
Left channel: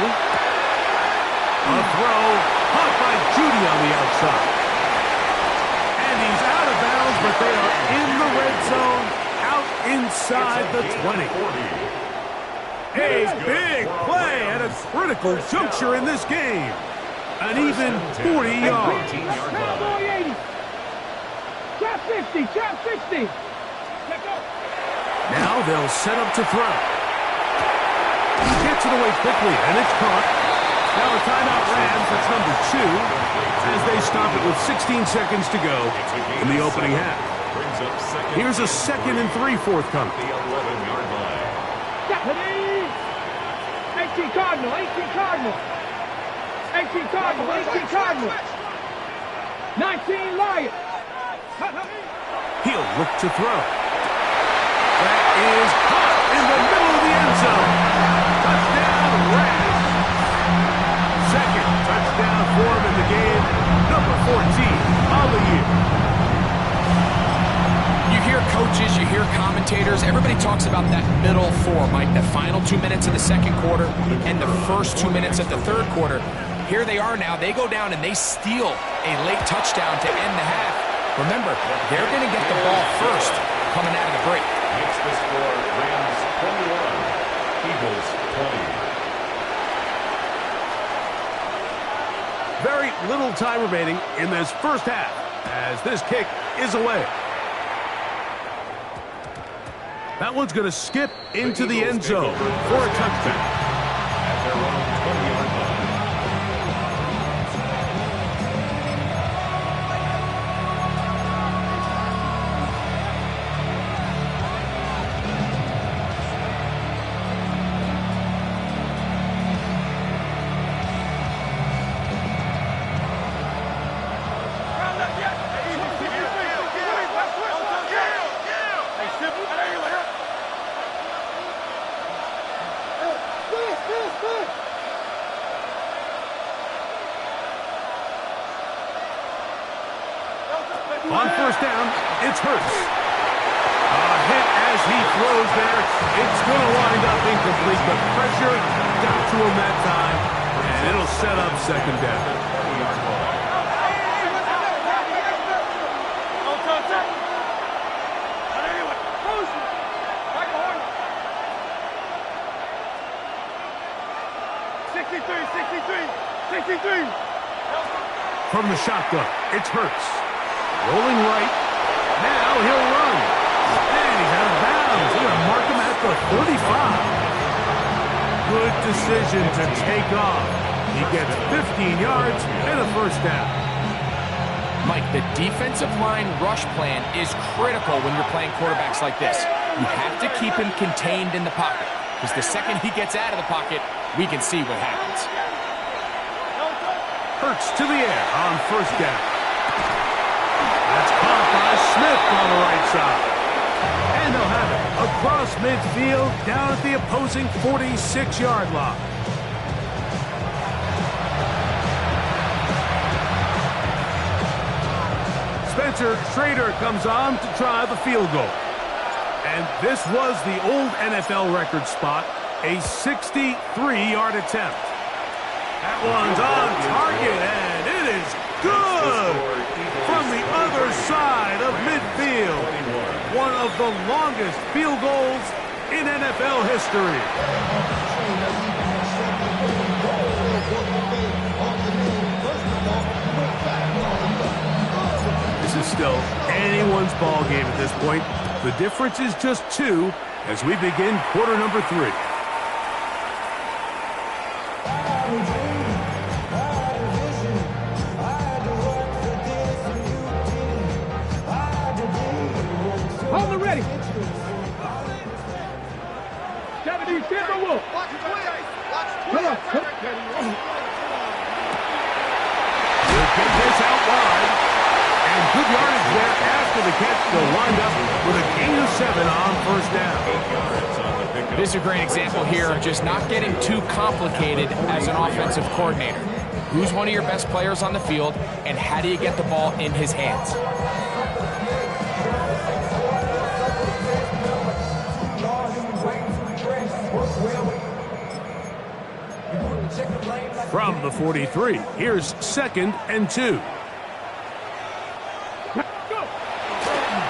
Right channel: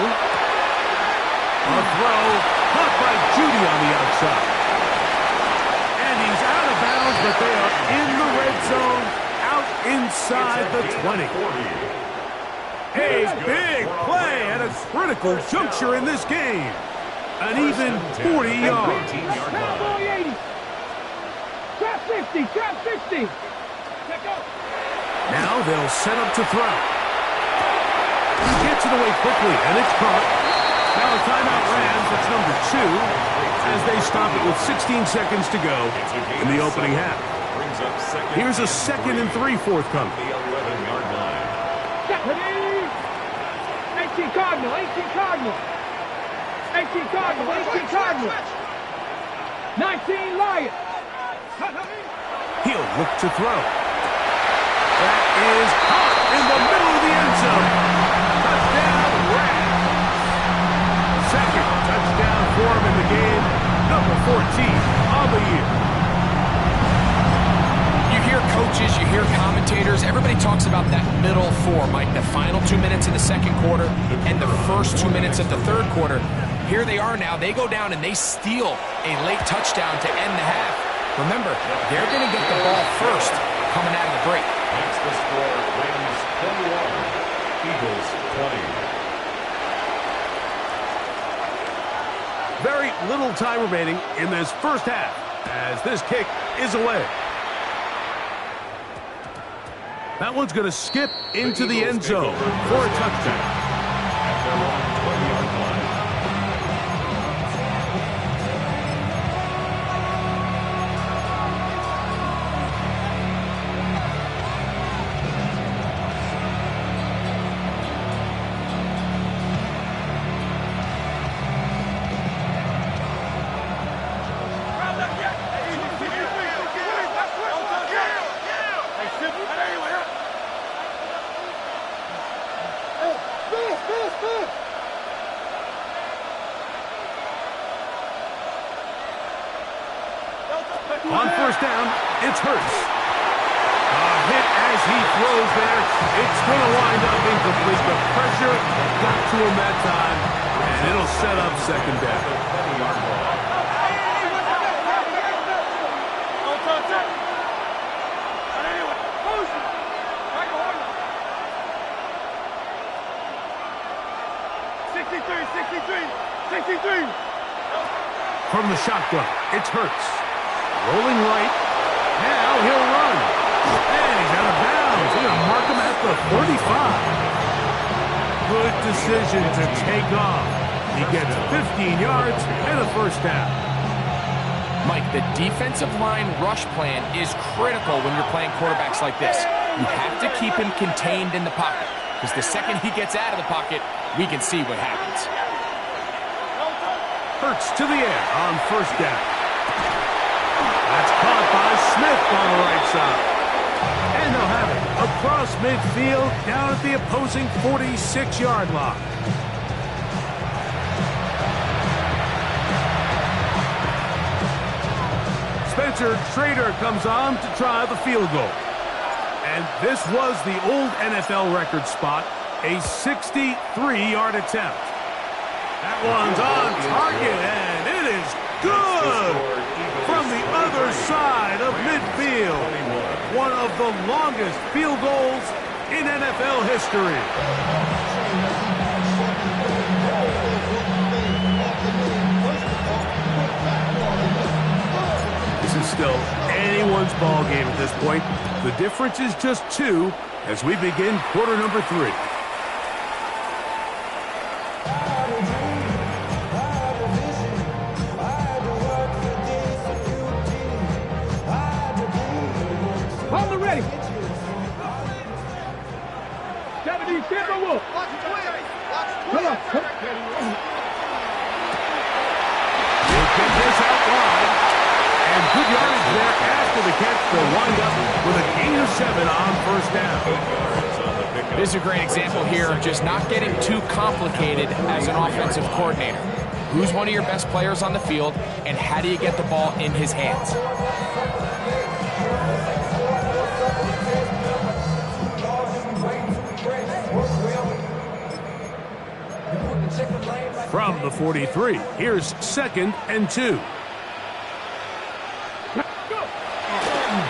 A throw caught by Judy on the outside. And he's out of bounds, but they are in the red zone, out inside the 20. A big play at a critical juncture in this game. An even 40 yards. Cowboy 80. Trap 60, trap 60. Let go. Now they'll set up to throw. He gets it away quickly, and it's caught. Now a timeout Rams, that's number 2, as they stop it with 16 seconds to go in the opening half. Here's a 2nd and 3 forthcoming. The 11-yard line. 18 Cardinal, 18 Cardinal. 18 Cardinal, 18 Cardinal. 19 Lion. He'll look to throw. That is caught in the middle of the end zone. Touchdown, Rams. Second touchdown for him in the game. Number 14 on the year. You hear coaches, you hear commentators, everybody talks about that middle 4, Mike, the final 2 minutes of the second quarter and the first 2 minutes of the third quarter. Here they are now. They go down and they steal a late touchdown to end the half. Remember, they're going to get the ball first coming out of the break. Makes the score Rams 21, Eagles 20. Very little time remaining in this first half. as this kick is away. That one's going to skip into the end zone for a touchdown. At their own 20-yard line. On first down, it's Hurts. A hit as he throws there. It's going to wind up incomplete. The pressure got to him that time, and it'll set up second down. From the shotgun, it's Hurts. Rolling right. Now he'll run. And he's out of bounds. He's going to mark him at the 35. Good decision to take off. He gets 15 yards and a first down. Mike, the defensive line rush plan is critical when you're playing quarterbacks like this. You have to keep him contained in the pocket, because the second he gets out of the pocket, we can see what happens. Hurts to the air on first down. That's caught by Smith on the right side. And they'll have it across midfield down at the opposing 46-yard line. Spencer Schrader comes on to try the field goal. And this was the old NFL record spot, a 63-yard attempt. That one's on target, and it is good from the other side of midfield. One of the longest field goals in NFL history. This is still anyone's ball game at this point. The difference is just 2 as we begin quarter number 3. Hold it ready. 70 Timberwolf. Come on. He'll get this out wide. And good yardage there after the catch. They'll wind up with a gain of 7 on first down. This is a great example here of just not getting too complicated as an offensive coordinator. Who's one of your best players on the field, and how do you get the ball in his hands? From the 43, here's 2nd and 2.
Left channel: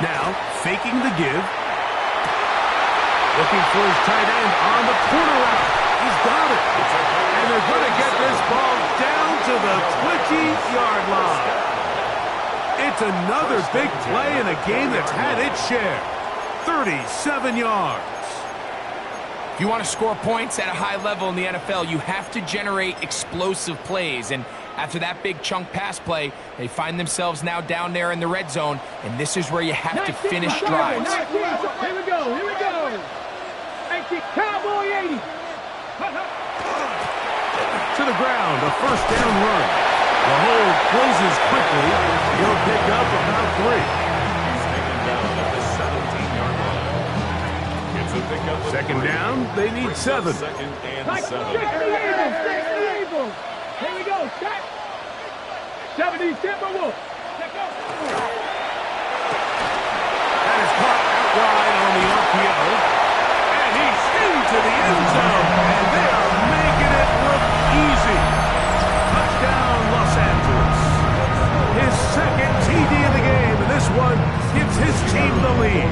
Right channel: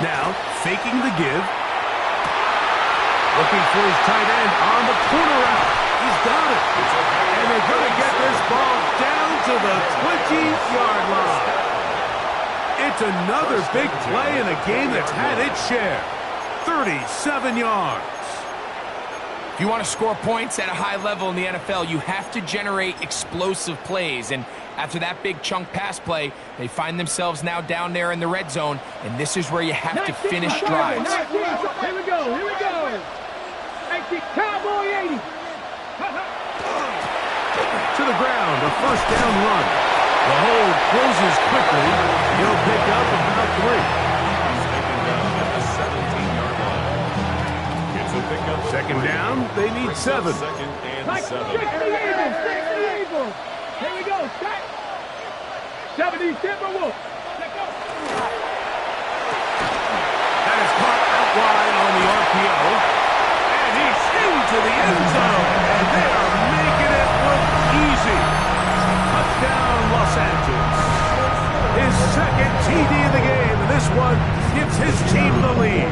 Now, faking the give. Looking for his tight end on the corner route. He's got it. And they're going to get this ball down to the 20-yard line. It's another big play in a game that's had its share. 37 yards. If you want to score points at a high level in the NFL, you have to generate explosive plays. And after that big chunk pass play, they find themselves now down there in the red zone, and this is where you have to finish drives. 19, here we go, here we go. 19, Cowboy 80. To the ground, a first down run. The hold closes quickly. He'll pick up about 3. He's taken down at the 17-yard line. It's a pickup. 2nd down, they need 7. 2nd and 7. Here we go, set. 70 Timberwolf. Let's go. That is caught out wide on the RPO. And he's into the end zone. And they are making it look easy. Touchdown, Los Angeles. His 2nd TD of the game. And this one gives his team the lead.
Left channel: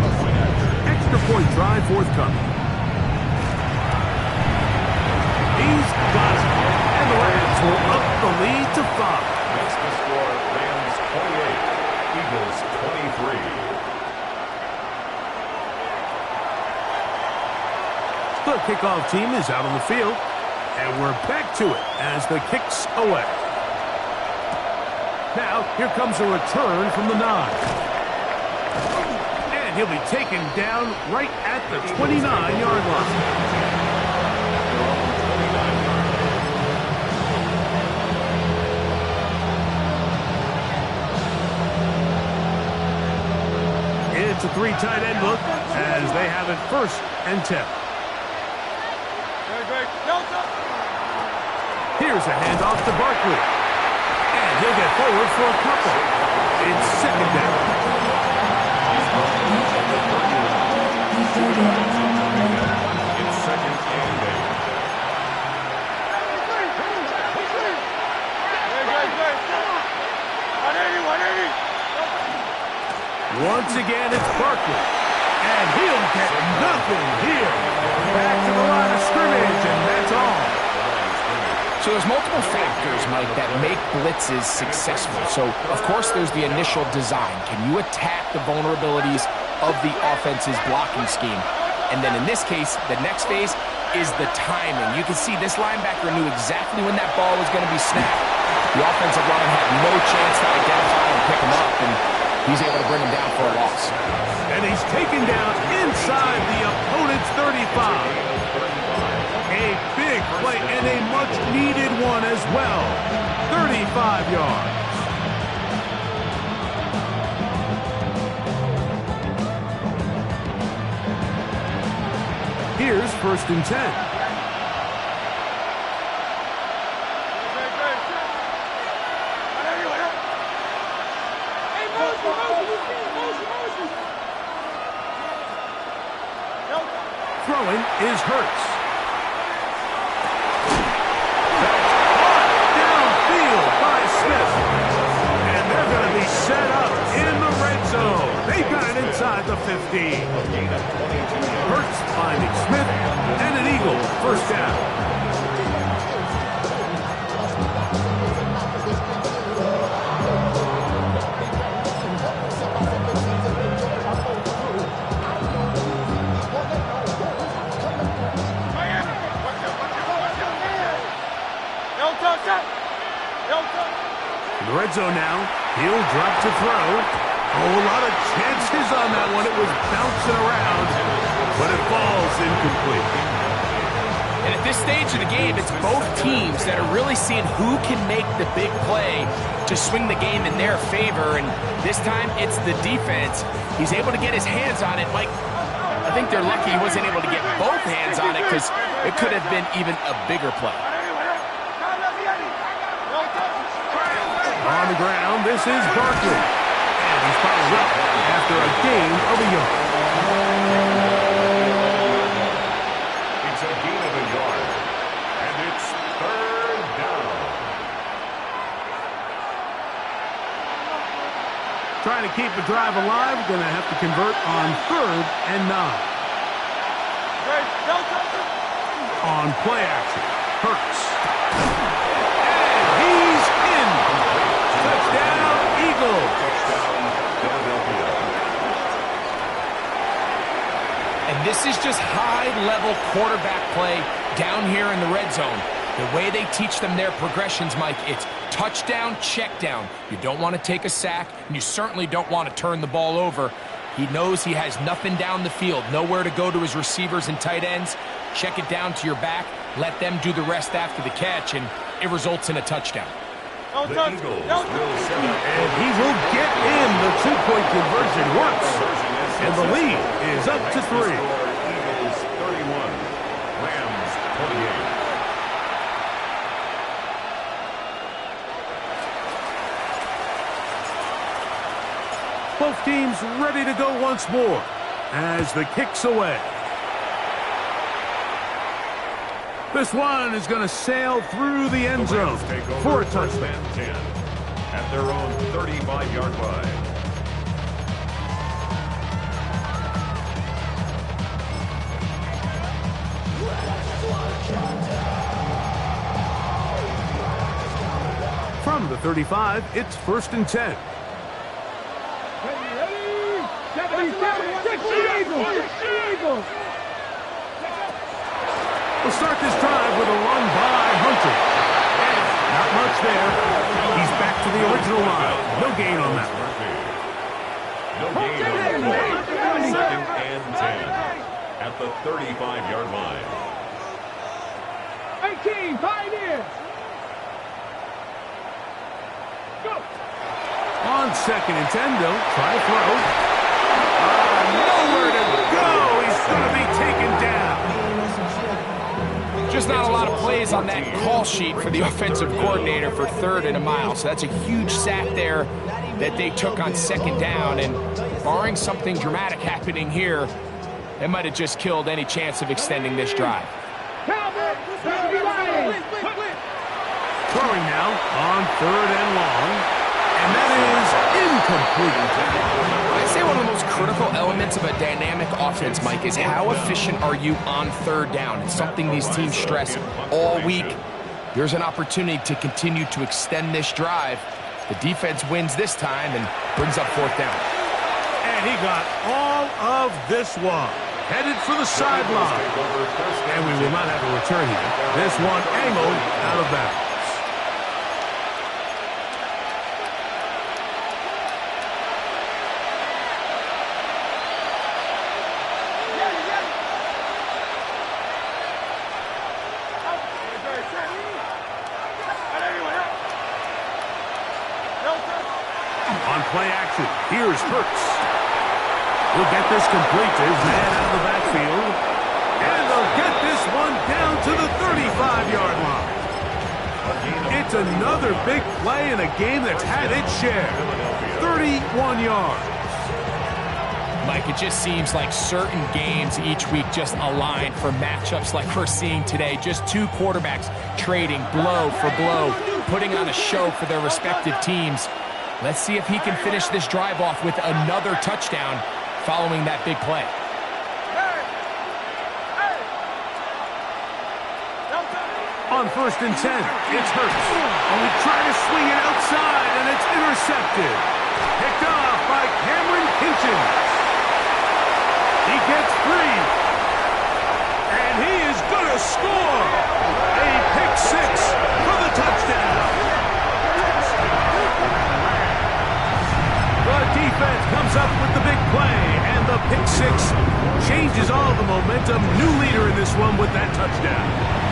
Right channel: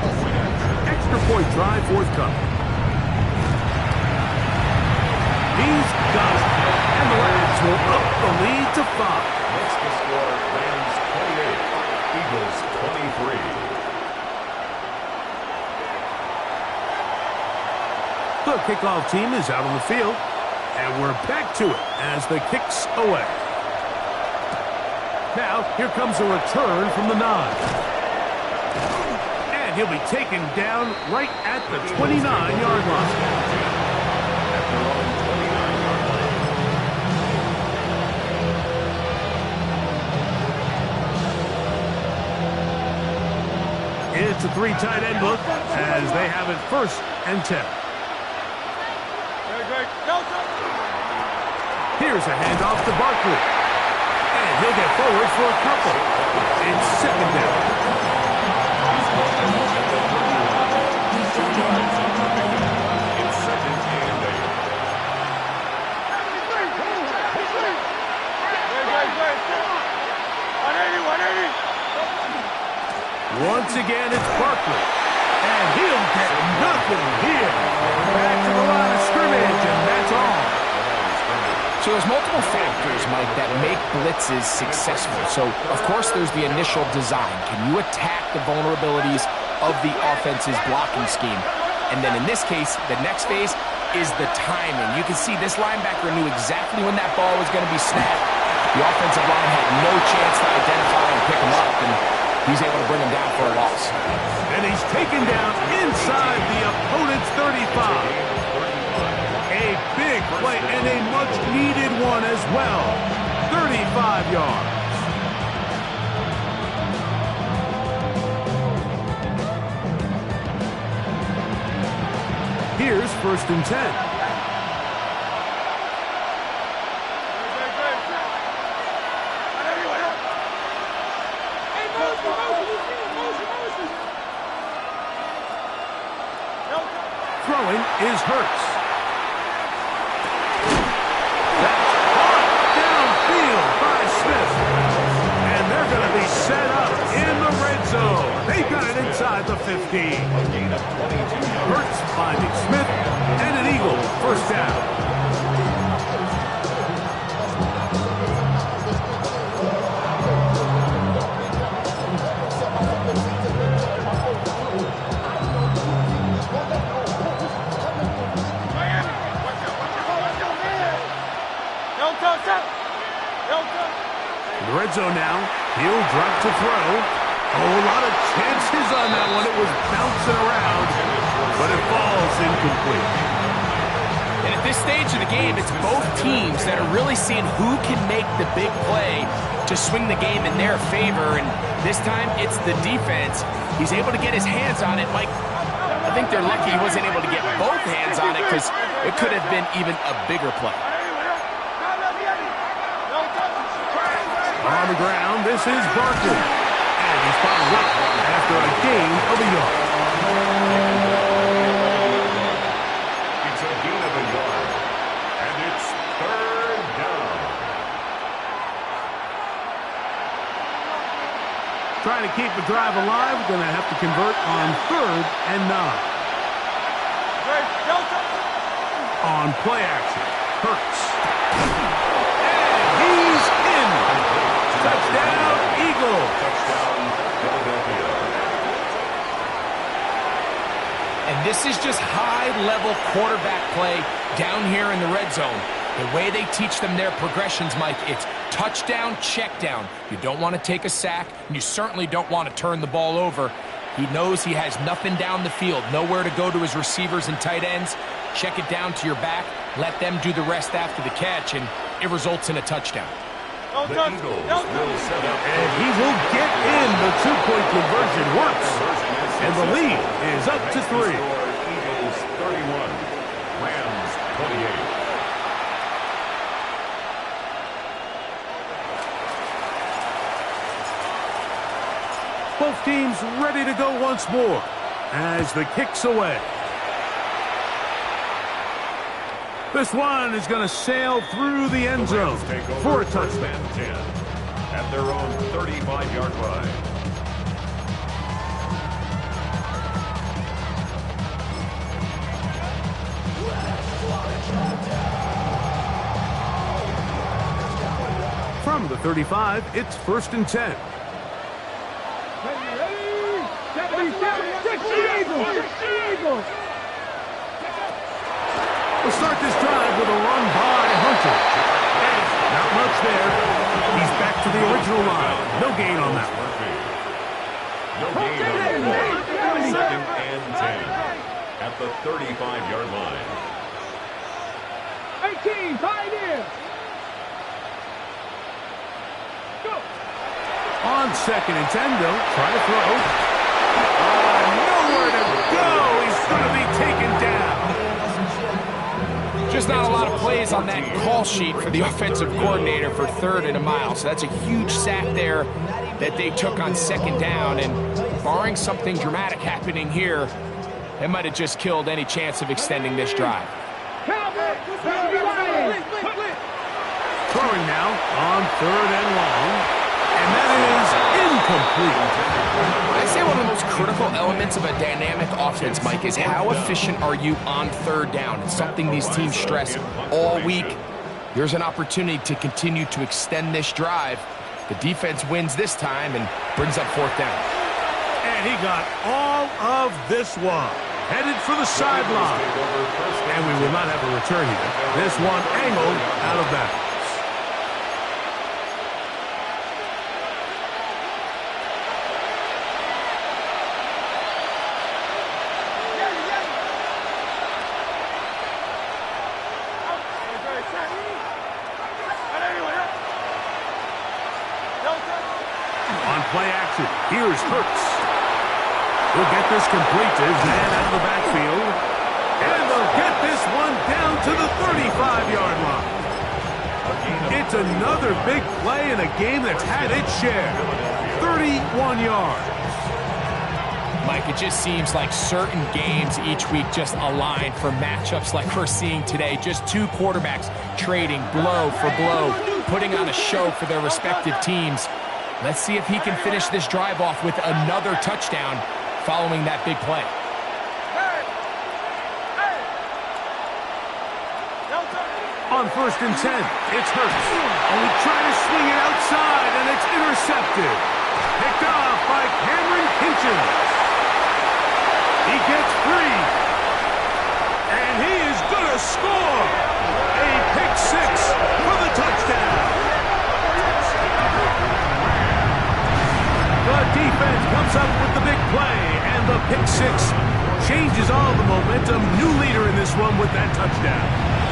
Extra point drive forthcoming. He's got it. And the Rams will up the lead to 5. Makes the score Rams 28, Eagles 23. The kickoff team is out on the field, and we're back to it as the kick's away. Now, here comes a return from the 9. And he'll be taken down right at the 29-yard line. At their own 29-yard line. It's a 3 tight end look as they have it 1st and 10. Here's a handoff to Barkley. And he'll get forward for a couple. It's 2nd down. It's 2nd and 8. Once again, it's Barkley. And he'll get nothing here. Back to the line of scrimmage, and that's all. So there's multiple factors, Mike, that make blitzes successful. So, of course, there's the initial design. Can you attack the vulnerabilities of the offense's blocking scheme? And then in this case, the next phase is the timing. You can see this linebacker knew exactly when that ball was going to be snapped. The offensive line had no chance to identify and pick him up, and he's able to bring him down for a loss. And he's taken down inside the opponent's 35. A big play and a much-needed one as well. 35 yards. Here's 1st and 10. Throwing is Hurts. That's caught downfield by Smith. And they're going to be set up in the red zone. They've got it inside the 15. A gain of 22 yards. Hurts finding Smith, and an Eagle 1st down. In the red zone now, he'll drop to throw. Oh, a lot of chances on that one. It was bouncing around, but it falls incomplete. And at this stage of the game, it's both teams that are really seeing who can make the big play to swing the game in their favor. And this time, it's the defense. He's able to get his hands on it. Mike, I think they're lucky he wasn't able to get both hands on it because it could have been even a bigger play. On the ground, this is Barkley. And he's followed up after a gain of a yard. It's a gain of a yard. And it's 3rd down. Trying to keep the drive alive, going to have to convert on 3rd and 9. On play action, Hurts. And he's in. Touchdown, Eagles. Touchdown, Philadelphia. And this is just high-level quarterback play down here in the red zone. The way they teach them their progressions, Mike, it's touchdown, check down. You don't want to take a sack, and you certainly don't want to turn the ball over. He knows he has nothing down the field, nowhere to go to his receivers and tight ends. Check it down to your back, let them do the rest after the catch, and it results in a touchdown. The Eagles will set up. And he will get in. The 2-point conversion works. And the lead is up to 3. Eagles 31, Rams 28. Both teams ready to go once more as the kick's away. This one is going to sail through the end zone for a touchdown. 10 at their own 35-yard line. From the 35, it's 1st and 10. We'll start this drive with a run by Hunter. And not much there. He's back to the original line. No gain on that one. No gain on the play. Second and 10 at the 35-yard line. 18, Pioneers. Go. On second and 10, they'll try to throw. Nowhere to go. He's going to be taken down. Just not a lot of plays on that call sheet for the offensive coordinator for 3rd and a mile. So that's a huge sack there that they took on 2nd down. And barring something dramatic happening here, it might have just killed any chance of extending this drive. Throwing now on 3rd and long. And that is incomplete. I'd say one of the most critical elements of a dynamic offense, Mike, is how efficient are you on 3rd down? It's something these teams stress all week. Here's an opportunity to continue to extend this drive. The defense wins this time and brings up 4th down. And he got all of this one. Headed for the sideline. And we will not have a return here. This one angled out of bounds. On play action, here's Hurts. He'll get this complete to his man out of the backfield. And they'll get this one down to the 35-yard line. It's another big play in a game that's had its share. 31 yards. Mike, it just seems like certain games each week just align for matchups like we're seeing today. Just two quarterbacks trading blow for blow, putting on a show for their respective teams. Let's see if he can finish this drive off with another touchdown following that big play. On 1st and 10, it's Hurts. And we try to swing it outside, and it's intercepted. Picked off by Cameron Kinchens. He gets free. And he is going to score. A pick 6 for the touchdown. The defense comes up with the big play, and the pick 6 changes all the momentum. New leader in this one with that touchdown.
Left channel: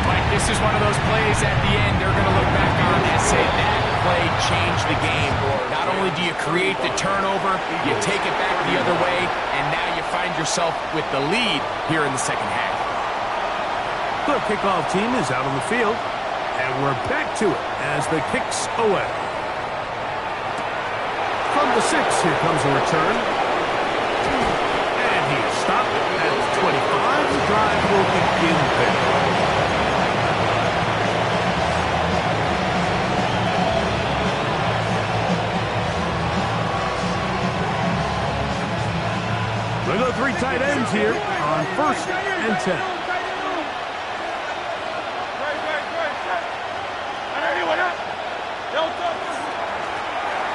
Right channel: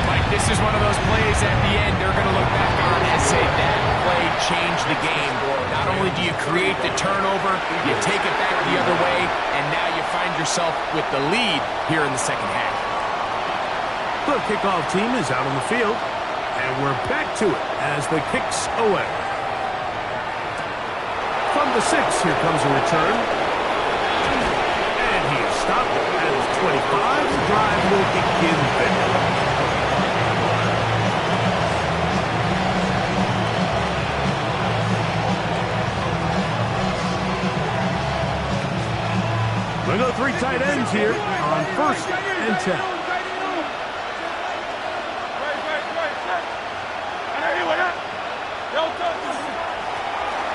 Mike, this is one of those plays at the end they're going to look back on and say that play changed the game. Not only do you create the turnover, you take it back the other way, and now you find yourself with the lead here in the second half. The kickoff team is out on the field, and we're back to it as the kick's away. From the 6, here comes a return. And he is stopped at the 25. The drive will begin there. We go 3 tight ends here on 1st and 10.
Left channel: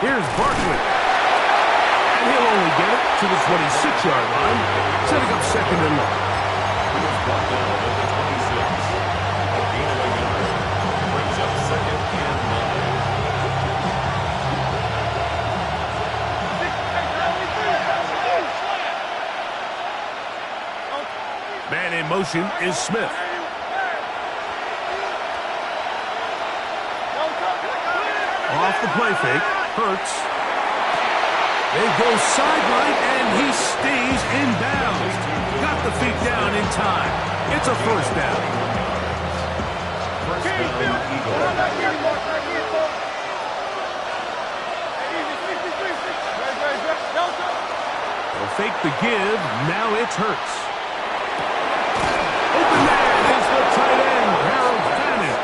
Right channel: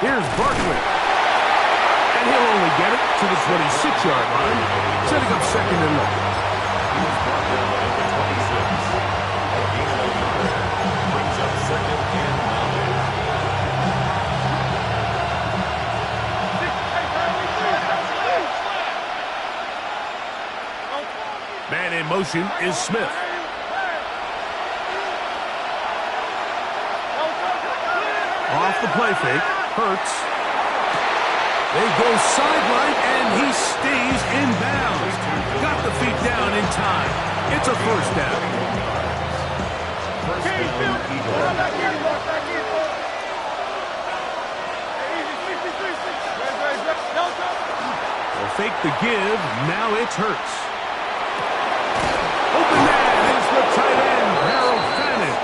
Here's Barkley. And he'll only get it to the 26-yard line, setting up 2nd and long. He was brought down at the 26. A gain of a yard. Brings up 2nd and 9. Man in motion is Smith. Off the play fake, Hurts. They go sideline, and he stays in bounds. Got the feet down in time. It's a 1st down. First down, Eagles. They'll fake the give. Now it's Hurts. Open man is the tight end, Harold Fannin.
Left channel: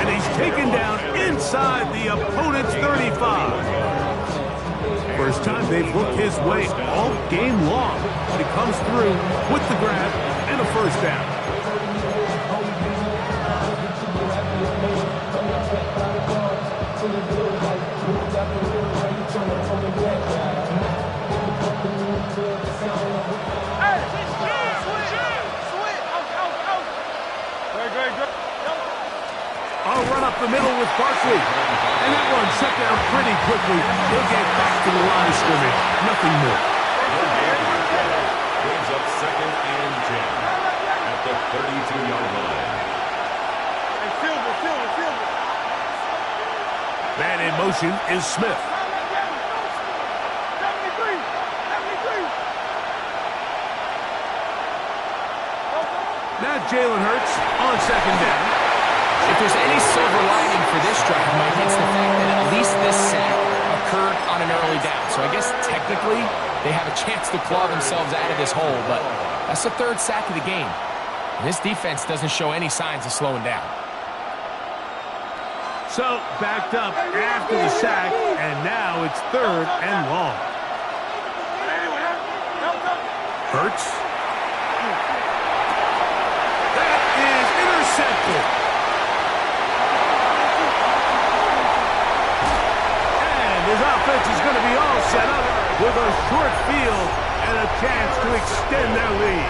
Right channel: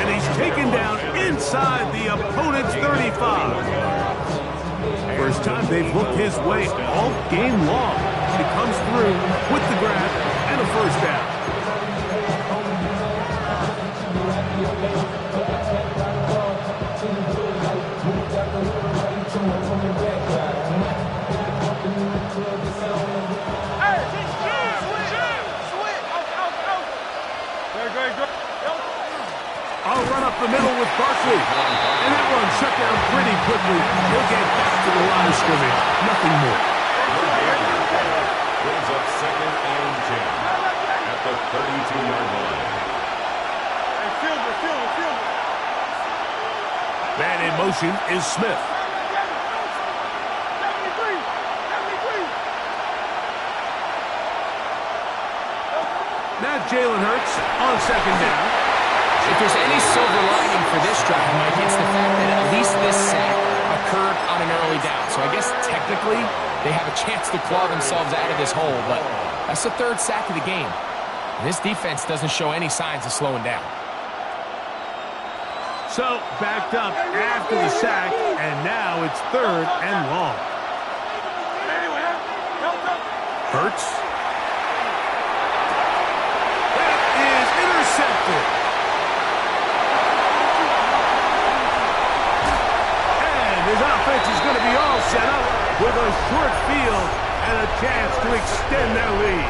And he's taken down inside the opponent's 35. First time they've looked his way all game long. But he comes through with the grab and a 1st down. up the middle with Barkley. And that one shut down pretty quickly. He'll get back to the line of scrimmage. Nothing more. Brings up 2nd and 10 at the 32-yard line. Hey, Silver. Man in motion is Smith. 73. Now Jalen Hurts on 2nd down. If there's any silver lining for this drive, Mike, it's the fact that at least this sack occurred on an early down. So I guess technically they have a chance to claw themselves out of this hole, but that's the 3rd sack of the game. And this defense doesn't show any signs of slowing down. So backed up after the sack, and now it's 3rd and long. Hurts. That is intercepted. And his offense is going to be all set up with a short field and a chance to extend their lead.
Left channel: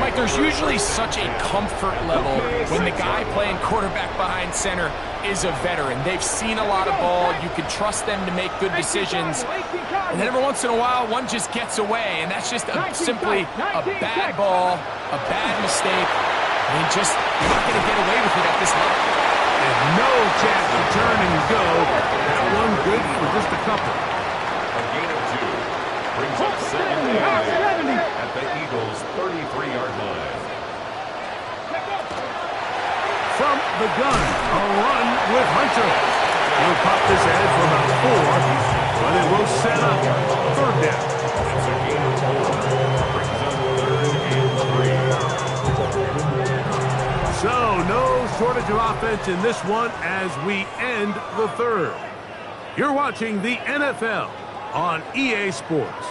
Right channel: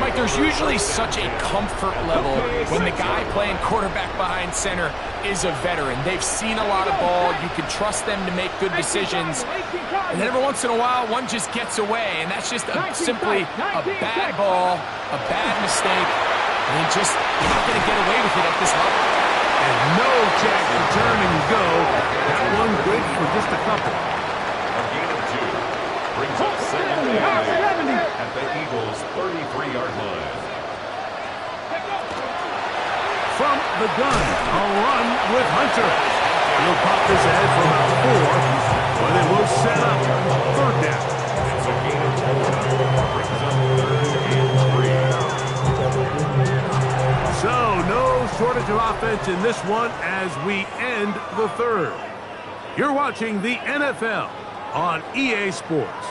Mike, there's usually such a comfort level when the guy playing quarterback behind center is a veteran. They've seen a lot of ball. You can trust them to make good decisions. And then every once in a while, one just gets away, and that's just simply a bad ball, a bad mistake. And you're not going to get away with it at this level. And no chance to turn and go. That one good for just a couple. A gain of 2. Brings up 2nd and 8 at the Eagles' 33-yard line. From the gun, a run with Hunter. He'll pop this ahead for about 4, but it will set up 3rd down. It's a gain of 4. Brings up 3rd and 3. So no shortage of offense in this one as we end the 3rd. You're watching the NFL on EA Sports.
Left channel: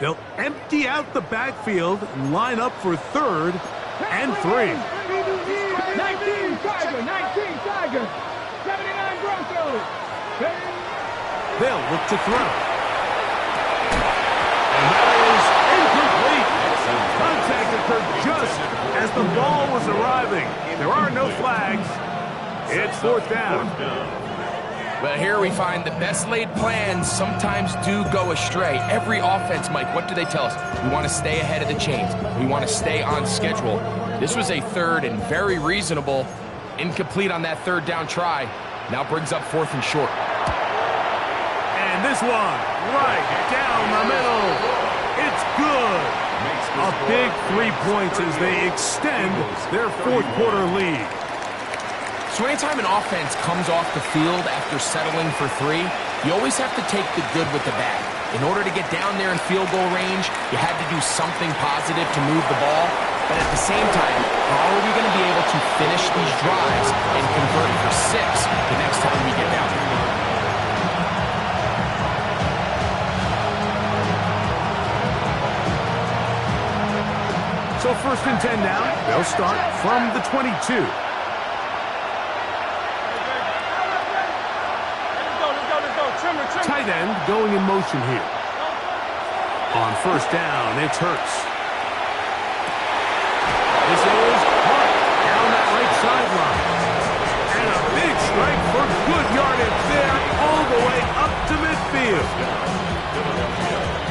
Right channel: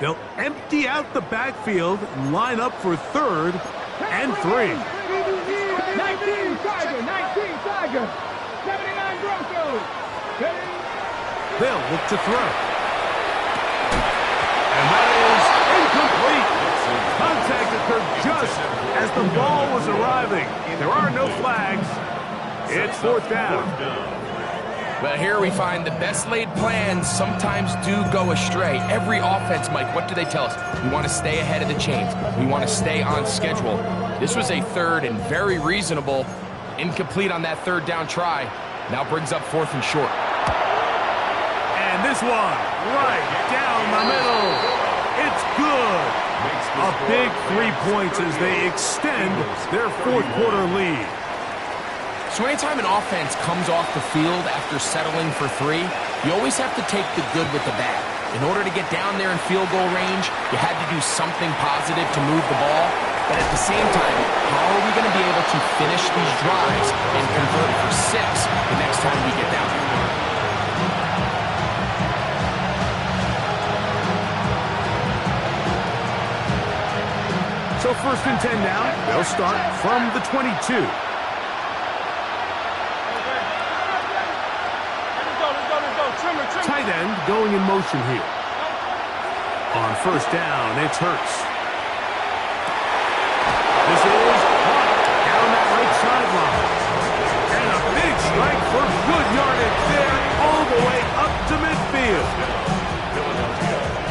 They'll empty out the backfield and line up for 3rd and 3. 19 Tiger. 79 Broncos. They'll look to throw. And that is incomplete. Contact occurred just as the ball was arriving. There are no flags. It's 4th down. Well, here we find the best laid plans sometimes do go astray. Every offense, Mike, what do they tell us? We want to stay ahead of the chains. We want to stay on schedule. This was a 3rd and very reasonable. Incomplete on that 3rd down try. Now brings up 4th and short. And this one, right down the middle. It's good. A big 3 points as they extend their 4th quarter lead. So anytime an offense comes off the field after settling for 3, you always have to take the good with the bad. In order to get down there in field goal range, you had to do something positive to move the ball. But at the same time, how are we going to be able to finish these drives and convert for 6 the next time we get down there? So 1st and 10 now. They'll start from the 22. Tight end going in motion here. On 1st down, it's Hurts. This is Hunt down that right sideline. And a big strike for good yardage there all the way up to midfield.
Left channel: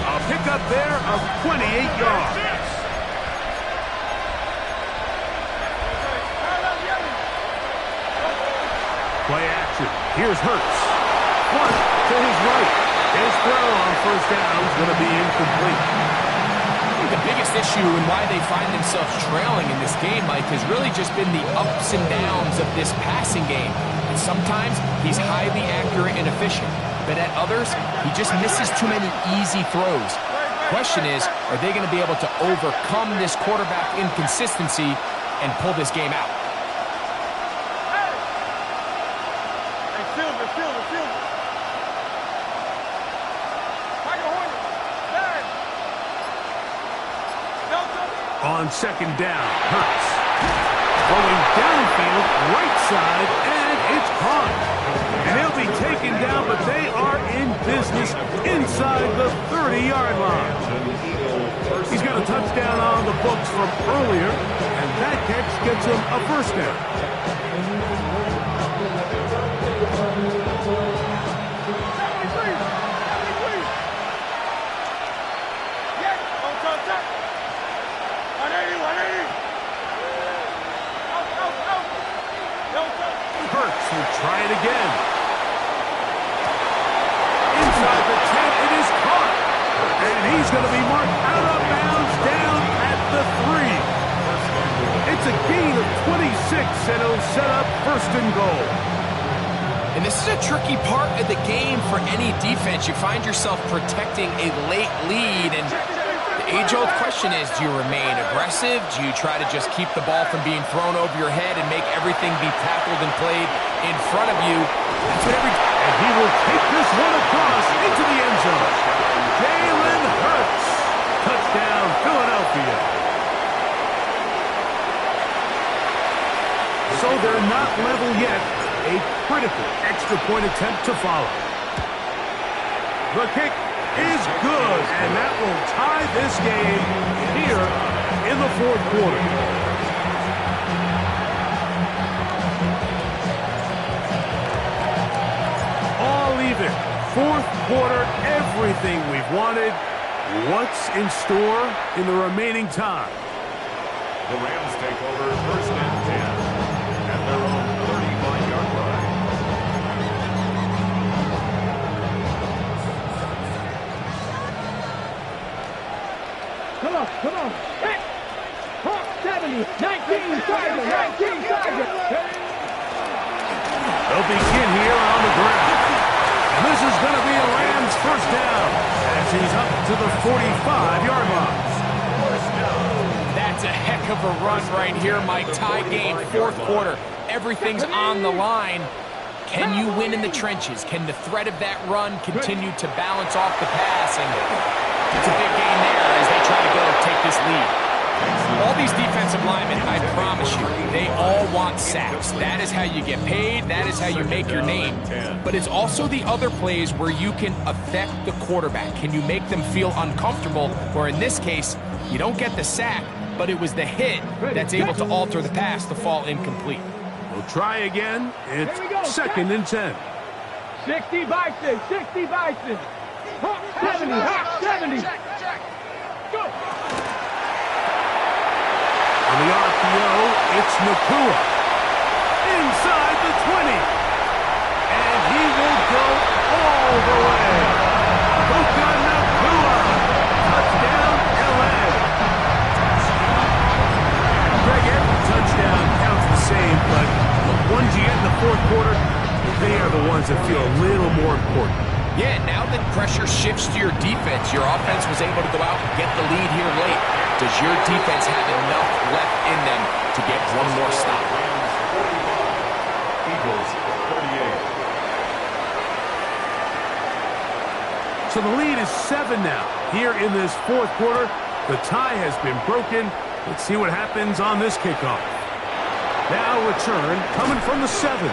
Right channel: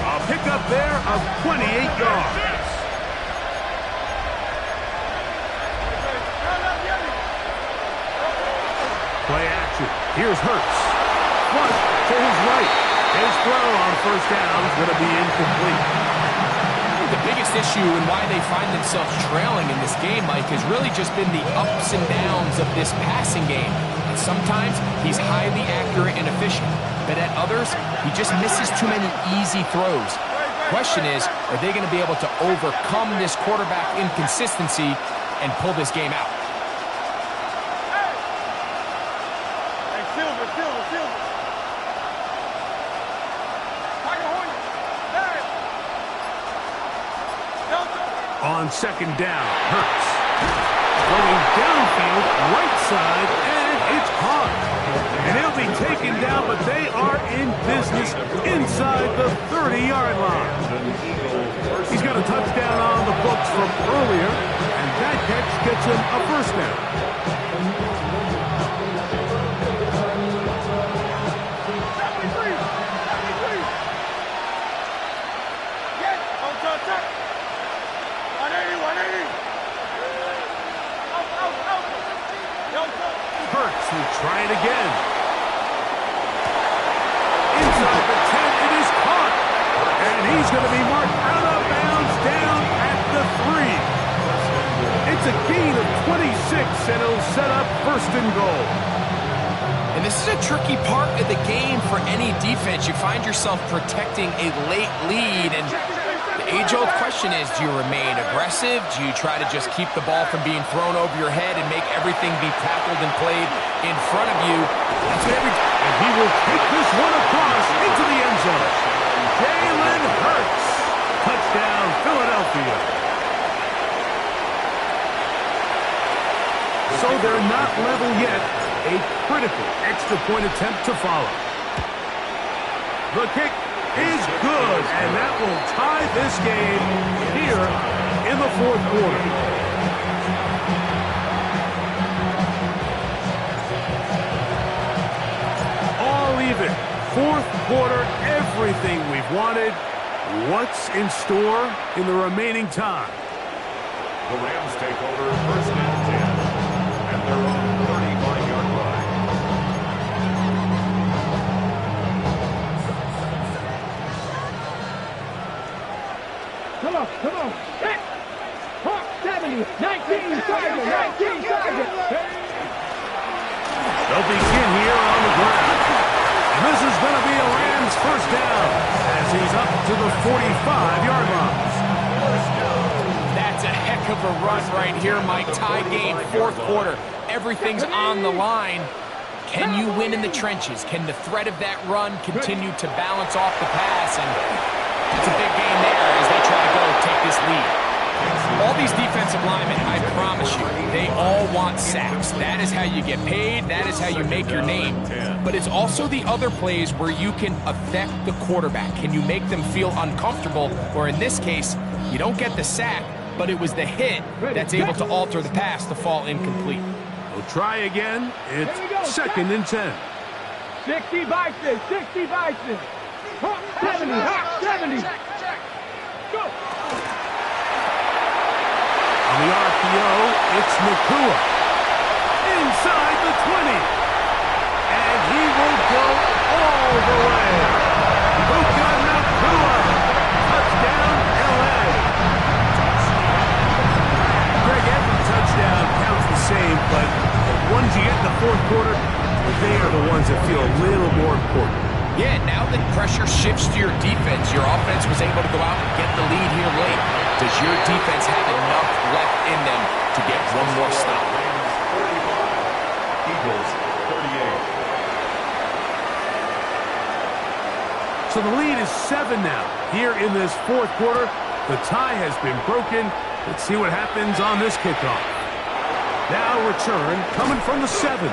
A pickup there of 28 yards. Play action. Here's Hurts. Flush to his right. His throw on 1st down is going to be incomplete. I think the biggest issue and why they find themselves trailing in this game, Mike, has really just been the ups and downs of this passing game. And sometimes he's highly accurate and efficient, but at others, he just misses too many easy throws. Question is, are they going to be able to overcome this quarterback inconsistency and pull this game out? Silver. On 2nd down, Hurts. Going downfield, right side, and It's caught. And he'll be taken down, but they are in business inside the 30-yard line. He's got a touchdown on the books from earlier, and that catch gets him a first down. Hurts will try it again. Inside the 10, it is caught. And he's going to be marked out of bounds down at the 3. It's a gain of 26, and it'll set up first and goal. And this is a tricky part of the game for any defense. You find yourself protecting a late lead, and the age-old question is, do you remain aggressive? Do you try to just keep the ball from being thrown over your head and make everything be tackled and played in front of you? That's what And he will take this one across into the end zone. Jalen Hurts. Touchdown, Philadelphia. So they're not level yet. A critical extra point attempt to follow. The kick is good, and that will tie this game here in the fourth quarter. All even. Fourth quarter, everything we've wanted. What's in store in the remaining time? The Rams take over first and 10 at their own 35-yard line. Come on. Hit. Hawk 70. 19 Sergeant. 19 Sergeant. They'll begin here on the ground. And this is going to be a Rams first down as he's up to the 45-yard line. That's a heck of a run right here, Mike. Tie game, fourth quarter. Everything's on the line. Can you win in the trenches? Can the threat of that run continue to balance off the pass? And it's a big game there as they try to go take this lead. All these defensive linemen, I promise you, they all want sacks. That is how you get paid. That is how you make your name. But it's also the other plays where you can affect the quarterback. Can you make them feel uncomfortable? Or in this case, you don't get the sack, but it was the hit that's able to alter the pass to fall incomplete. We'll try again. It's second and 10. 60 Bison. 60 Bison. Hawk 70. Hawk 70. Go. On the RPO, it's Nakua. Inside the 20. And he will go all the way. Puka Nakua. Touchdown, L.A. Greg, every touchdown counts the same, but the ones you get in the fourth quarter, they are the ones that feel a little more important. Yeah, now that pressure shifts to your defense, your offense was able to go out and get the lead here late. Does your defense have enough left in them to get one more stop? Rams 45, Eagles 38. So the lead is 7 now. Here in this fourth quarter, the tie has been broken. Let's see what happens on this kickoff. Now return coming from the 7.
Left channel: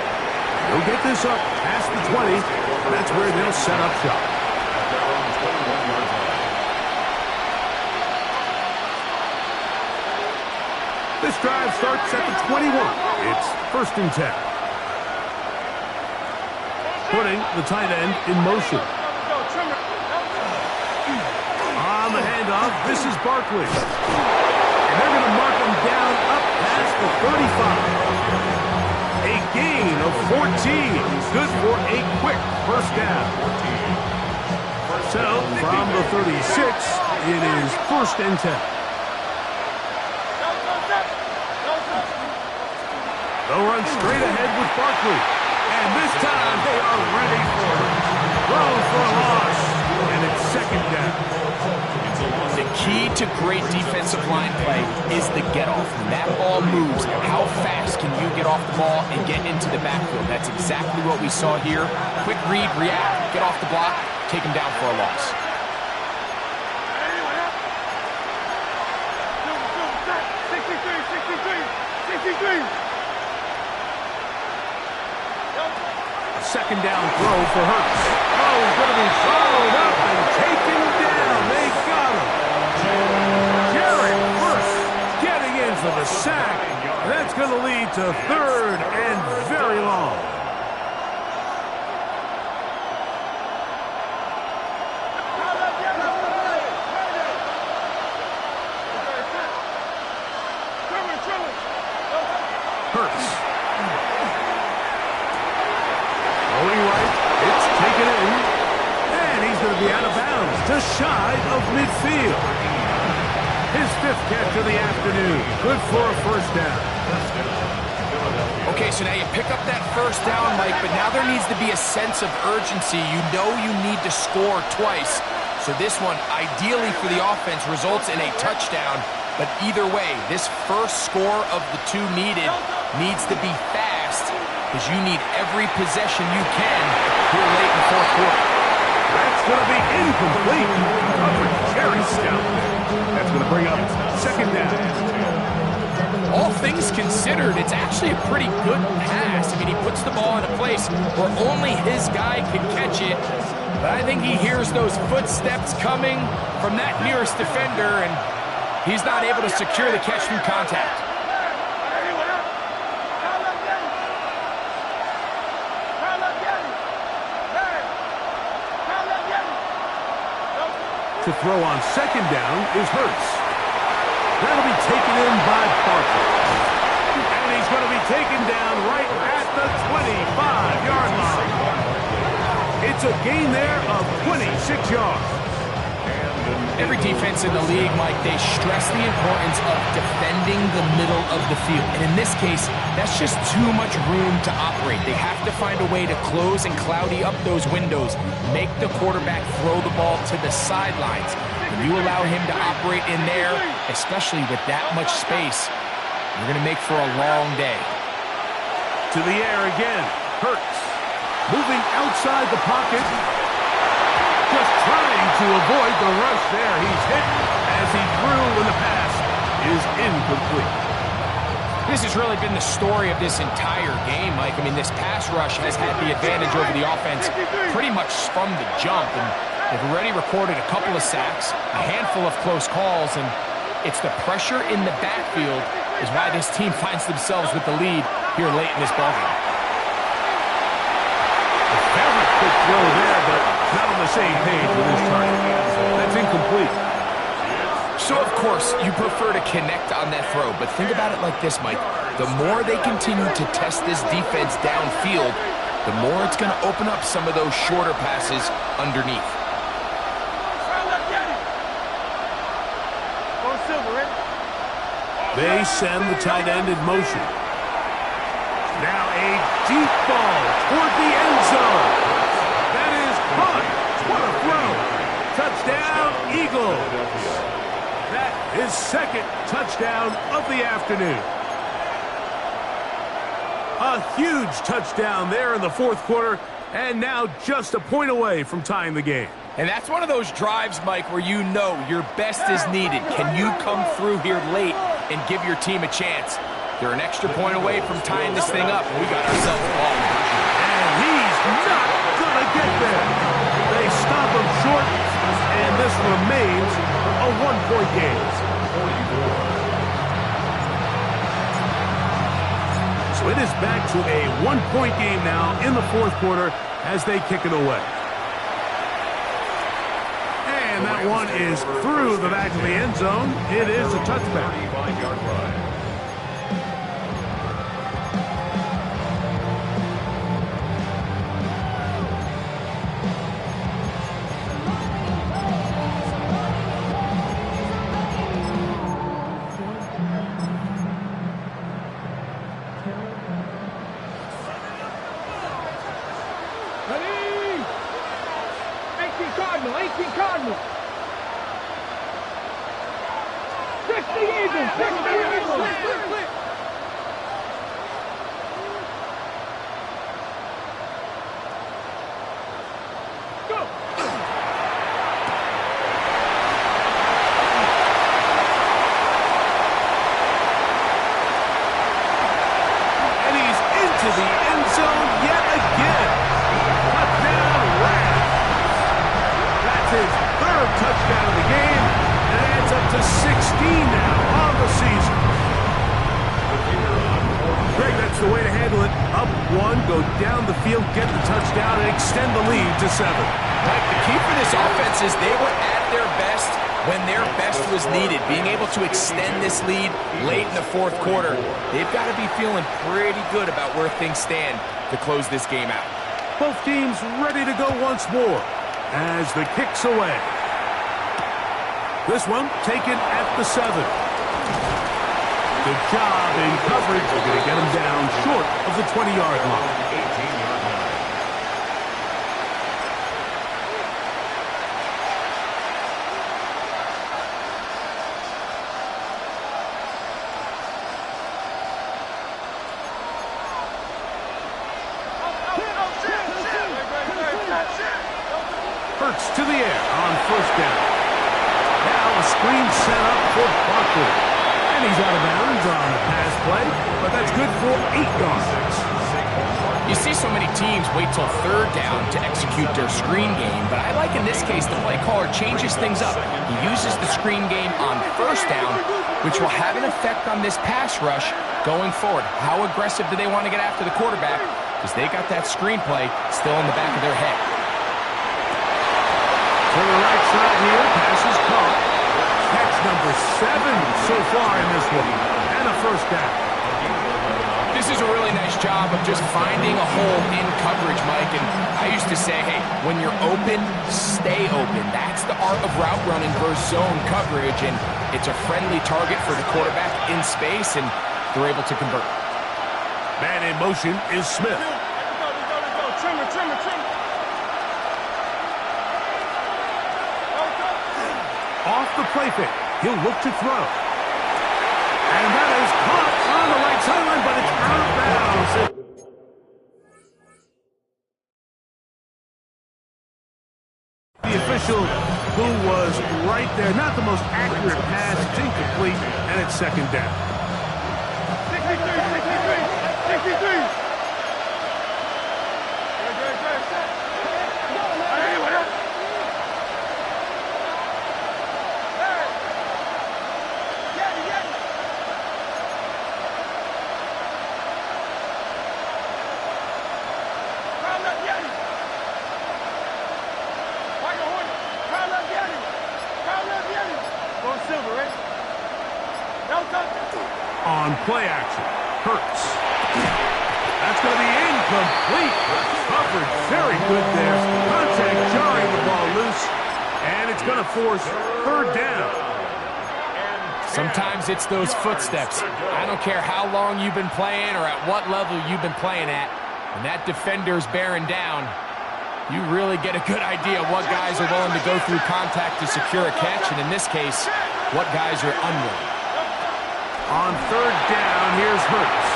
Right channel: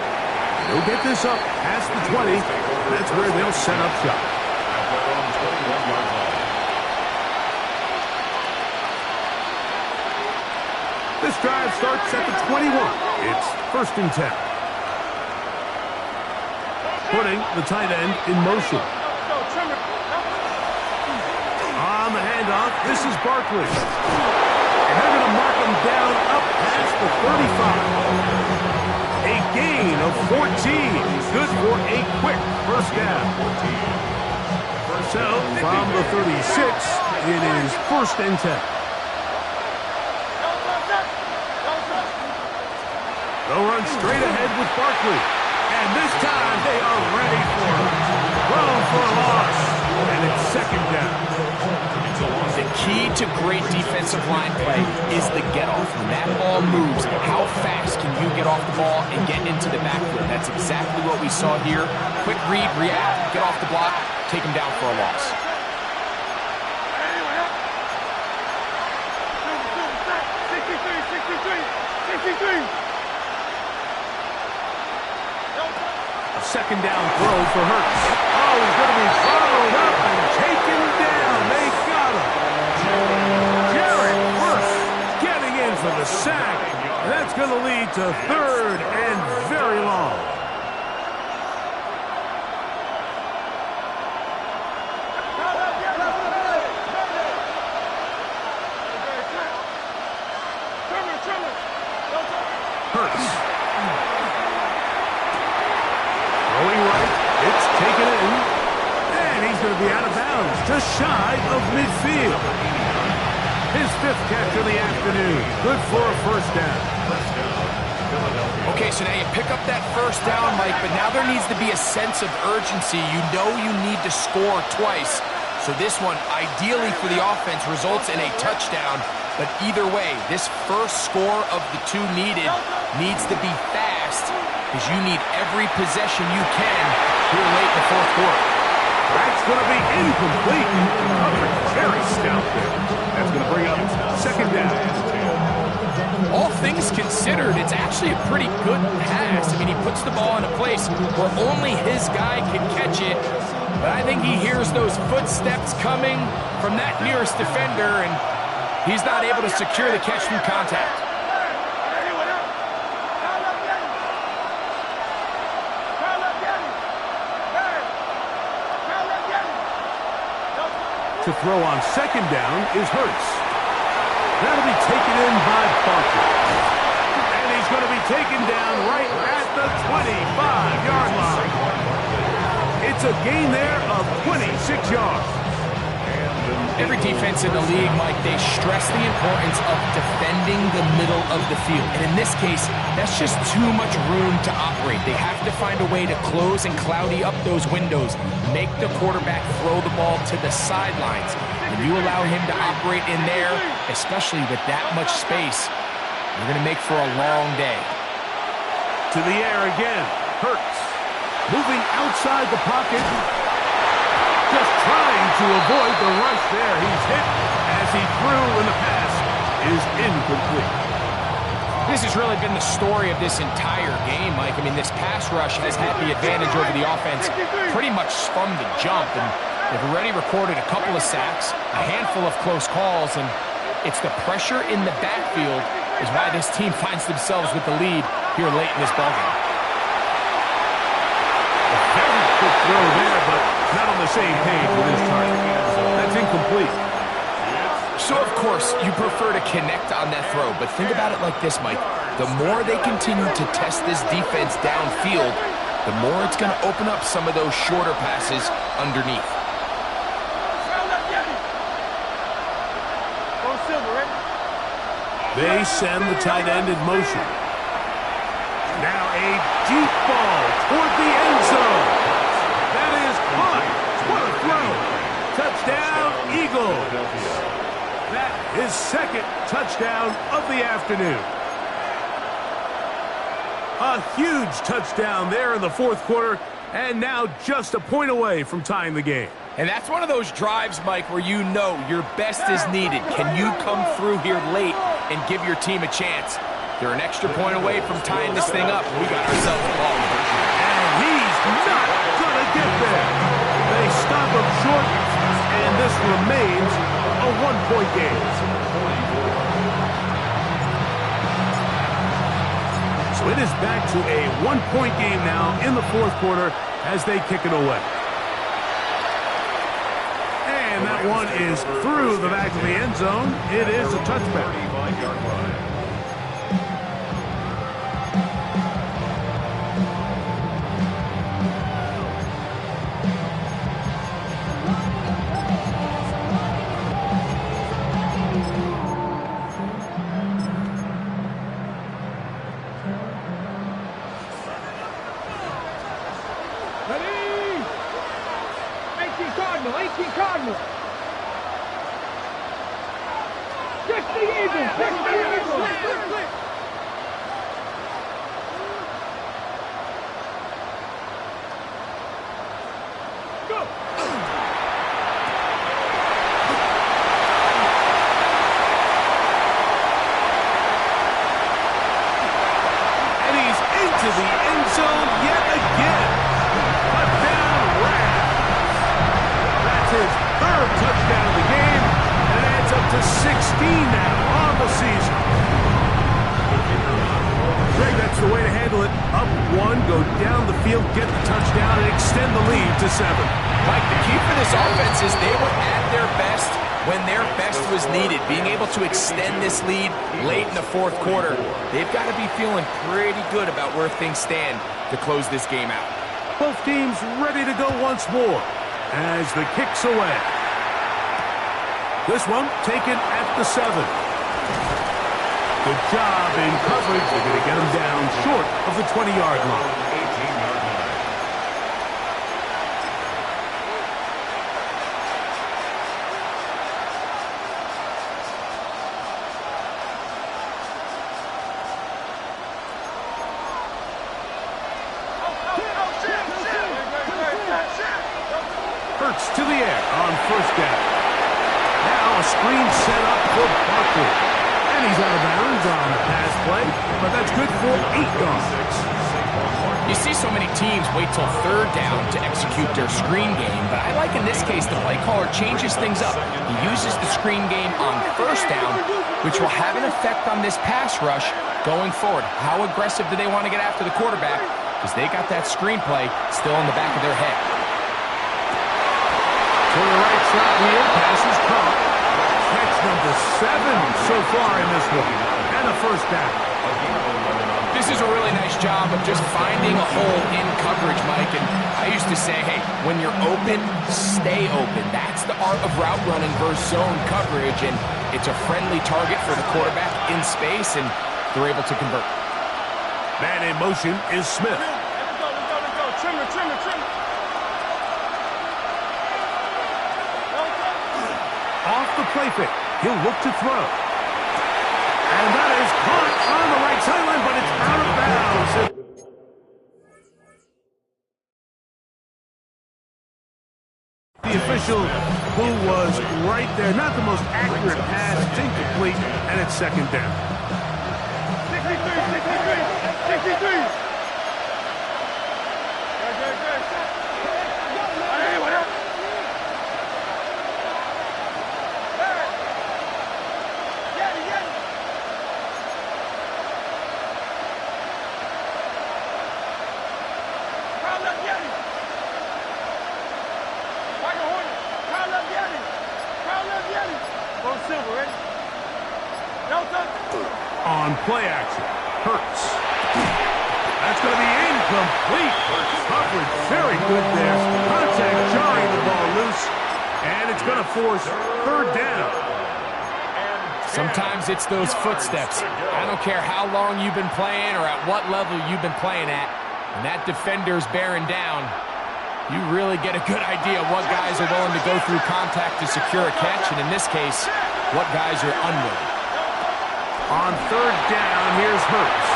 They'll get this up past the 20. That's where they'll set up shop. At their own 21-yard line. This drive starts at the 21. It's first and 10. Putting the tight end in motion. On the handoff, this is Barkley. And they're going to mark him down up past the 35. A gain of 14. Good for a quick first down. So, from the 36, it is first and 10. They'll run straight ahead with Barkley. And this time, they are ready for it. Thrown for a loss. And it's second down. The key to great defensive line play is the get-off. When that ball moves, how fast can you get off the ball and get into the backfield? That's exactly what we saw here. Quick read, react, get off the block, take him down for a loss. A second down throw for Hurts. Oh, he's going to be followed up and taken down. They got him. Jared Hurts getting in for the sack. And that's going to lead to 3rd and very long. Hurts. Throwing right. It's taken in. And he's going to be out of bounds, just shy of midfield. His 5th catch of the afternoon. Good for a first down. Okay, so now you pick up that first down, Mike, but now there needs to be a sense of urgency. You know you need to score twice. So this one, ideally for the offense, results in a touchdown. But either way, this first score of the 2 needed needs to be fast, because you need every possession you can here late in the 4th quarter. That's going to be incomplete. Coverage very stout there. That's going to bring up 2nd down. All things considered, it's actually a pretty good pass. I mean, he puts the ball in a place where only his guy can catch it. But I think he hears those footsteps coming from that nearest defender, and he's not able to secure the catch through contact. To throw on 2nd down is Hurts. That'll be taken in by Barkley. And he's going to be taken down right at the 25-yard line. It's a gain there of 26 yards. Every defense in the league, Mike, they stress the importance of defending the middle of the field. And in this case, that's just too much room to operate. They have to find a way to close and cloudy up those windows, make the quarterback throw the ball to the sidelines. When you allow him to operate in there, especially with that much space, you're going to make for a long day. To the air again. Hurts. Moving outside the pocket. Just trying to avoid the rush there. He's hit as he threw, and the pass is incomplete. This has really been the story of this entire game, Mike. I mean, this pass rush has had the advantage over the offense pretty much from the jump. And they've already recorded a couple of sacks, a handful of close calls, and it's the pressure in the backfield is why this team finds themselves with the lead here late in this ballgame. A very quick throw there, but not on the same page with his target. That's incomplete. So, of course, you prefer to connect on that throw, but think about it like this, Mike. The more they continue to test this defense downfield, the more it's going to open up some of those shorter passes underneath. They send the tight end in motion. Now a deep ball toward the end zone. That is caught. What a throw. Touchdown, Eagles. That is 2nd touchdown of the afternoon. A huge touchdown there in the 4th quarter, and now just a point away from tying the game. And that's one of those drives, Mike, where you know your best is needed. Can you come through here late and give your team a chance? They're an extra point away from tying this thing up. We got ourselves a ball. And he's not going to get there. They stop him short, and this remains a 1-point game. So it is back to a 1-point game now in the 4th quarter as they kick it away. And that one is through the back of the end zone. It is a touchback. 35-yard line. Ready? 18 Cardinal, 18 Cardinal. 60 Eagles, 60 Eagles. Go. And he's into the end zone yet again. his third touchdown of the game, and it adds up to 16 now on the season. Greg, that's the way to handle it. Up one, go down the field, get the touchdown, and extend the lead to 7. Mike, the key for this offense is they were at their best when their best was needed. Being able to extend this lead late in the fourth quarter, they've got to be feeling pretty good about where things stand to close this game out. Both teams ready to go once more as the kick's away. This one taken at the 7. Good job in coverage. They're going to get him down short of the 20-yard line. 18-yard line. Hurts to the air on first down. Now a screen set up for Barkley. And he's out of bounds on the pass play, but that's good for 8 yards. You see so many teams wait till third down to execute their screen game, but I like in this case the play caller changes things up. He uses the screen game on first down, which will have an effect on this pass rush going forward. How aggressive do they want to get after the quarterback? Because they got that screen play still in the back of their head. To the right side here, pass is caught. Catch number 7 so far in this one, and a first down. This is a really nice job of just finding a hole in coverage, Mike. And I used to say, hey, when you're open, stay open. That's the art of route running versus zone coverage, and it's a friendly target for the quarterback in space, and they're able to convert. Man in motion is Smith. Let's go. Trim it. Off the play fake, he'll look to throw. And that is caught on the right sideline, but it's out of bounds. The official who was right there, not the most accurate pass, it's incomplete, and it's second down. 63. Hey, what up? Silver, ready? On play action, Hurts. That's going to be incomplete. Coverage very good there. Contact jarring the ball loose, and it's going to force third down. Sometimes it's those footsteps. I don't care how long you've been playing or at what level you've been playing at. When that defender's bearing down, you really get a good idea of what guys are willing to go through contact to secure a catch, and in this case, what guys are unwilling. On third down, here's Hurts.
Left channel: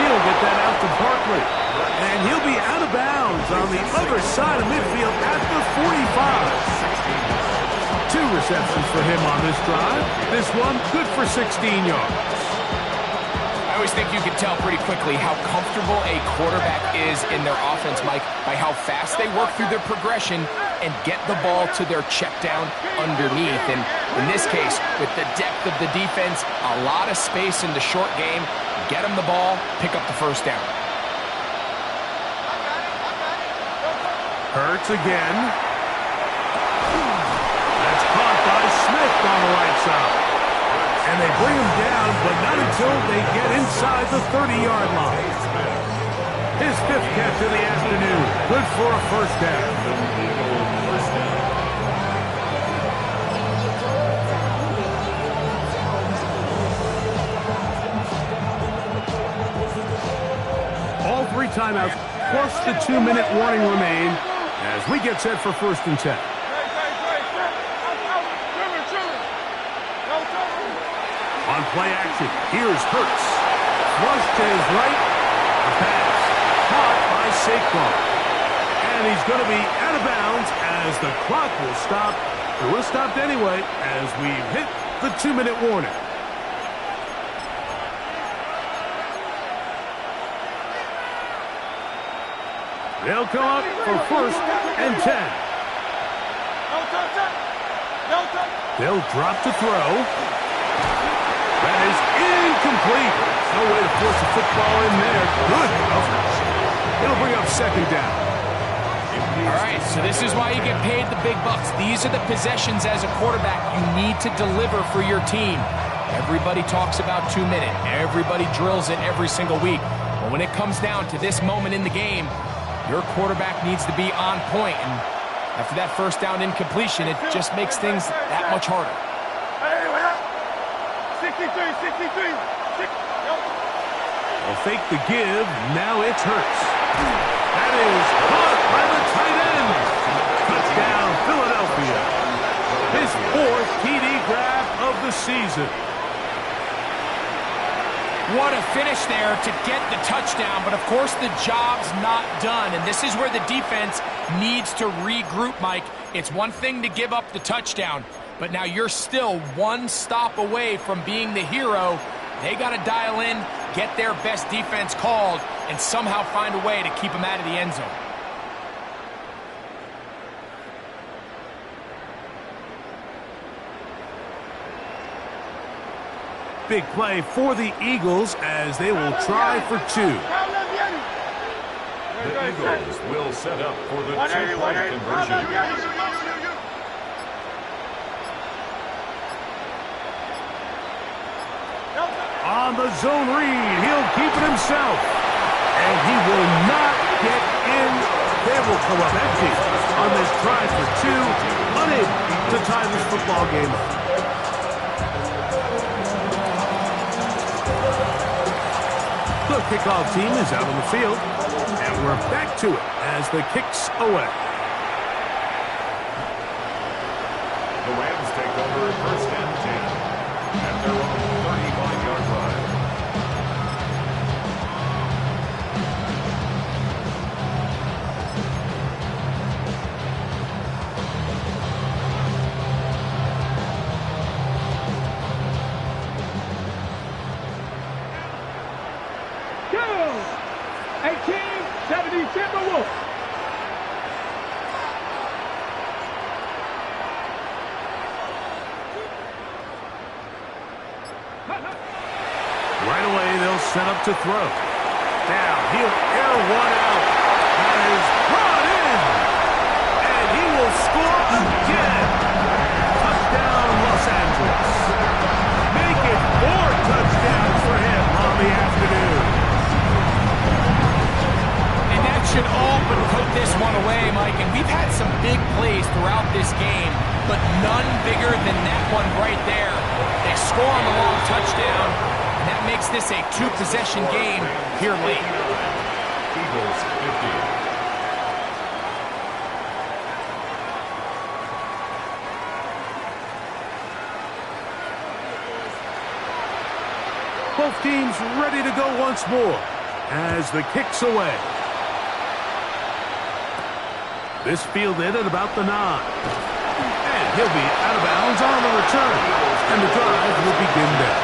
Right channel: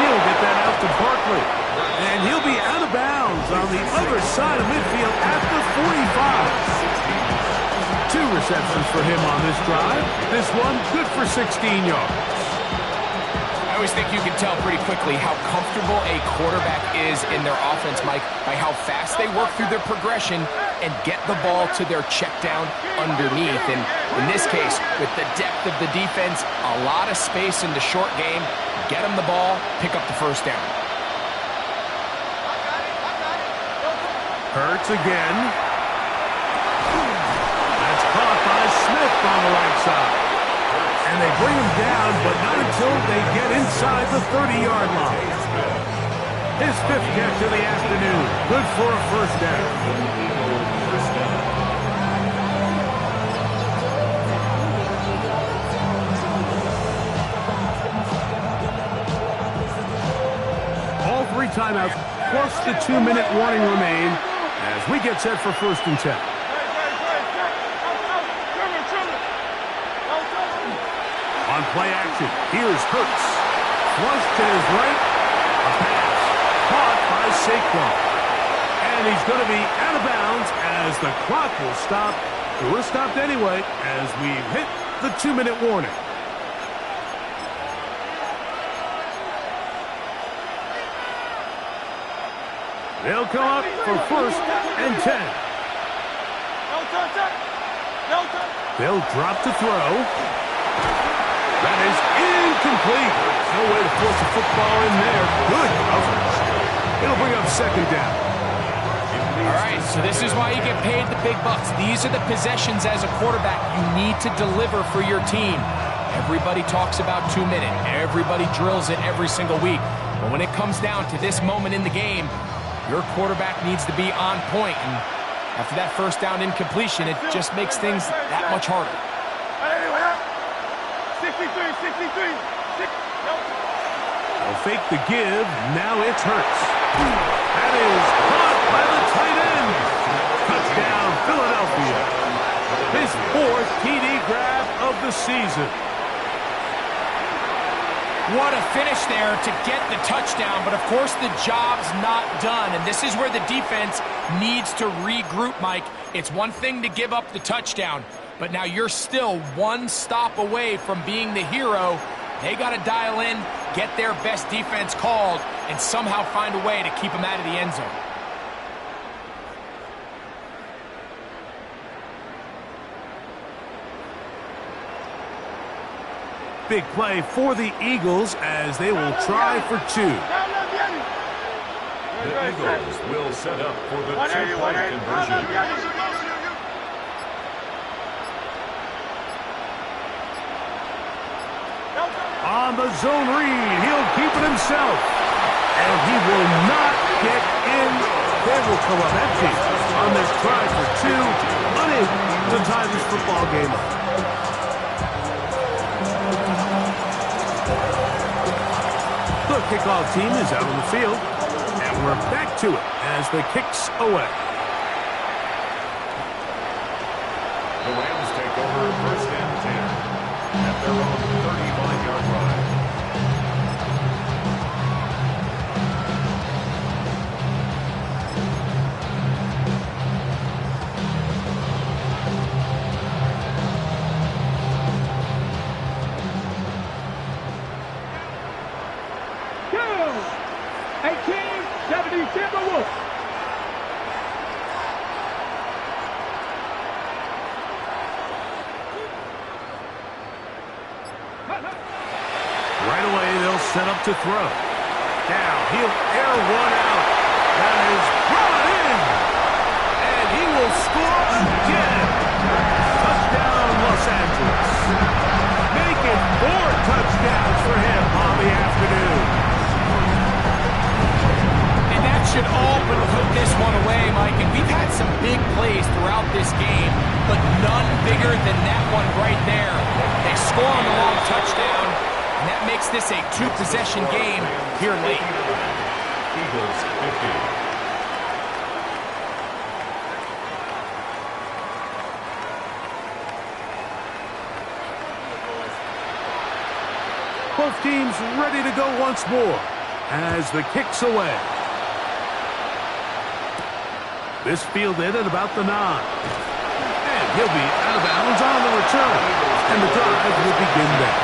He'll get that out to Barkley, and he'll be out of bounds on the other side of midfield at the 45. 2 receptions for him on this drive. This one good for 16 yards. I always think you can tell pretty quickly how comfortable a quarterback is in their offense, Mike, by how fast they work through their progression and get the ball to their check down underneath. And in this case, with the depth of the defense, a lot of space in the short game, get them the ball, pick up the first down. Hurts again. That's caught by Smith on the right side. And they bring him down, but not until they get inside the 30-yard line. His 5th catch of the afternoon. Good for a first down. All 3 timeouts, plus the 2-minute warning remain as we get set for 1st and 10. On play action, here's Hurts. Flush to his right. A pass caught by Saquon. And he's going to be out of bounds as the clock will stop. It was stopped anyway as we've hit the 2-minute warning. They'll come up for 1st and 10. No touch. No touch. They'll drop to throw. That is incomplete. No way to force a football in there. Good coverage. It'll bring up second down. All right, so this is why you get paid the big bucks. These are the possessions as a quarterback you need to deliver for your team. Everybody talks about 2 minutes. Everybody drills it every single week. But when it comes down to this moment in the game, your quarterback needs to be on point. And after that first down incompletion, it just makes things that much harder. Hey, what up? 63. They'll fake the give. Now it's Hurts. That is caught by the tight end. Touchdown, Philadelphia. His 4th TD grab of the season. What a finish there to get the touchdown, but of course the job's not done, and this is where the defense needs to regroup, Mike. It's one thing to give up the touchdown, but now you're still one stop away from being the hero. They got to dial in, get their best defense called, and somehow find a way to keep them out of the end zone. Big play for the Eagles as they will try for 2. The Eagles will set up for the two-point conversion. On the zone read, he'll keep it himself. And he will not get in. They will come up empty on this try for 2. Unable to tie this football game up. The kickoff team is out on the field. And we're back to it as the kick's away. The Rams take over 1st and 10 at their own 35-yard line. Go! 18-70 Timberwolves. Right away, they'll set up to throw. Now, he'll air one out. That is brought in. And he will score again. Touchdown, Los Angeles. Make it 4 touchdowns for him on the afternoon. And that should all but put this one away, Mike. And we've had some big plays throughout this game, but none bigger than that one right there. They score on the long touchdown, and that makes this a 2-possession game here late. Eagles 50. Both teams ready to go once more as the kick's away. This fielded at about the 9. And he'll be out of bounds on the return. And the drive will begin there.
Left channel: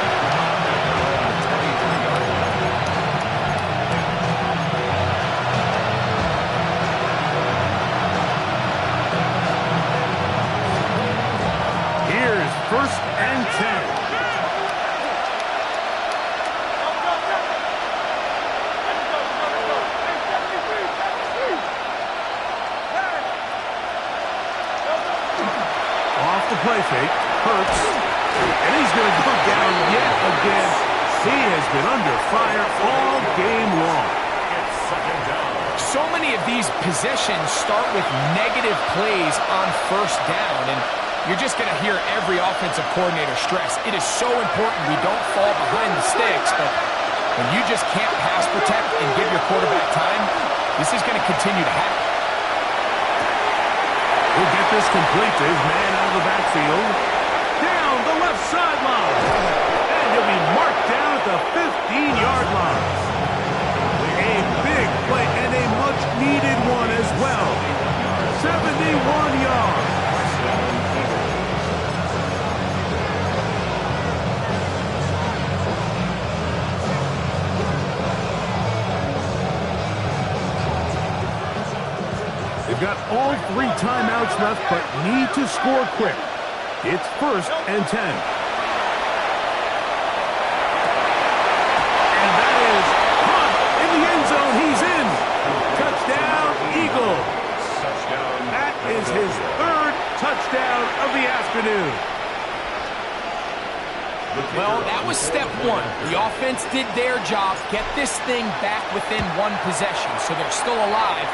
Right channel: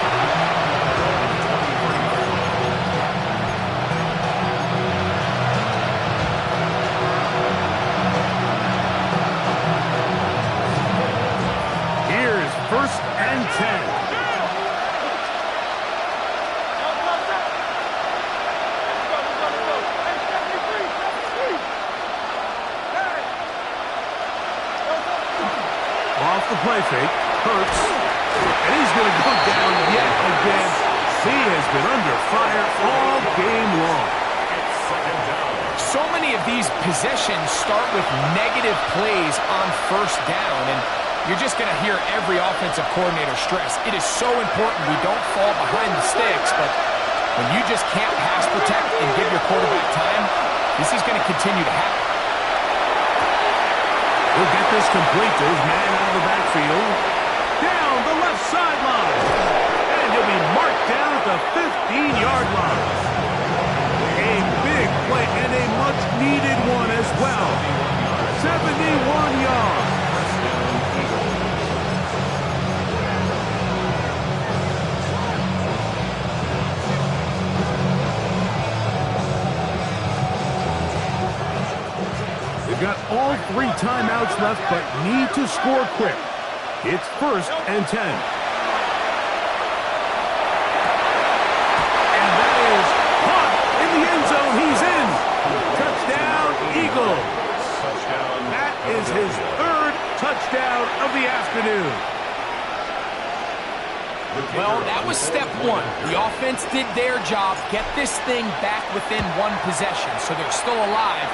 Here's 1st and 10. Off the play fake, Hurts, and he's going to go down yet again. He has been under fire all game long. It's 2nd down. So many of these possessions start with negative plays on 1st down, and you're just going to hear every offensive coordinator stress. It is so important we don't fall behind the sticks, but when you just can't pass protect and give your quarterback time, this is going to continue to happen. He'll get this complete to his man out of the backfield. Down the left sideline. And he'll be marked down at the 15-yard line. A big play and a much-needed one as well. 71 yards. They've They've got all 3 timeouts left, but need to score quick. It's 1st and 10. And that is caught in the end zone. He's in. Touchdown, Eagles. That is his 3rd touchdown of the afternoon. Well, that was step 1. The offense did their job, get this thing back within 1 possession, so they're still alive.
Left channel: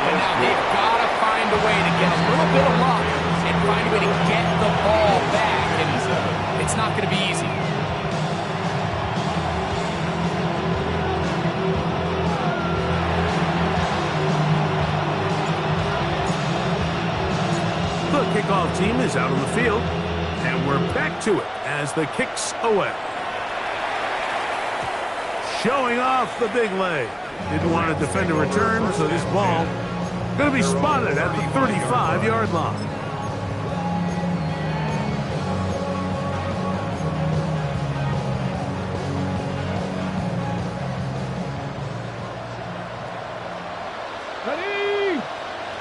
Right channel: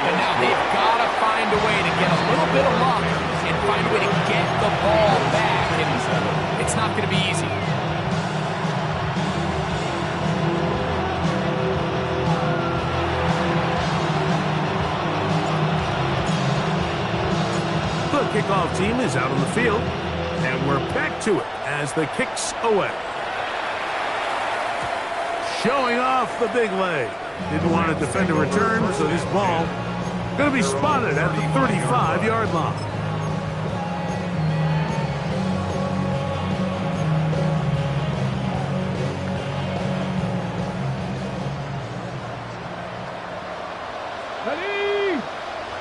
But now they've got to find a way to get a little bit of luck and find a way to get the ball back, and it's not going to be easy. The kickoff team is out on the field, and we're back to it as the kick's away. Showing off the big leg. Didn't want to defend a return, so this ball going to be spotted at the 35-yard line. Ready?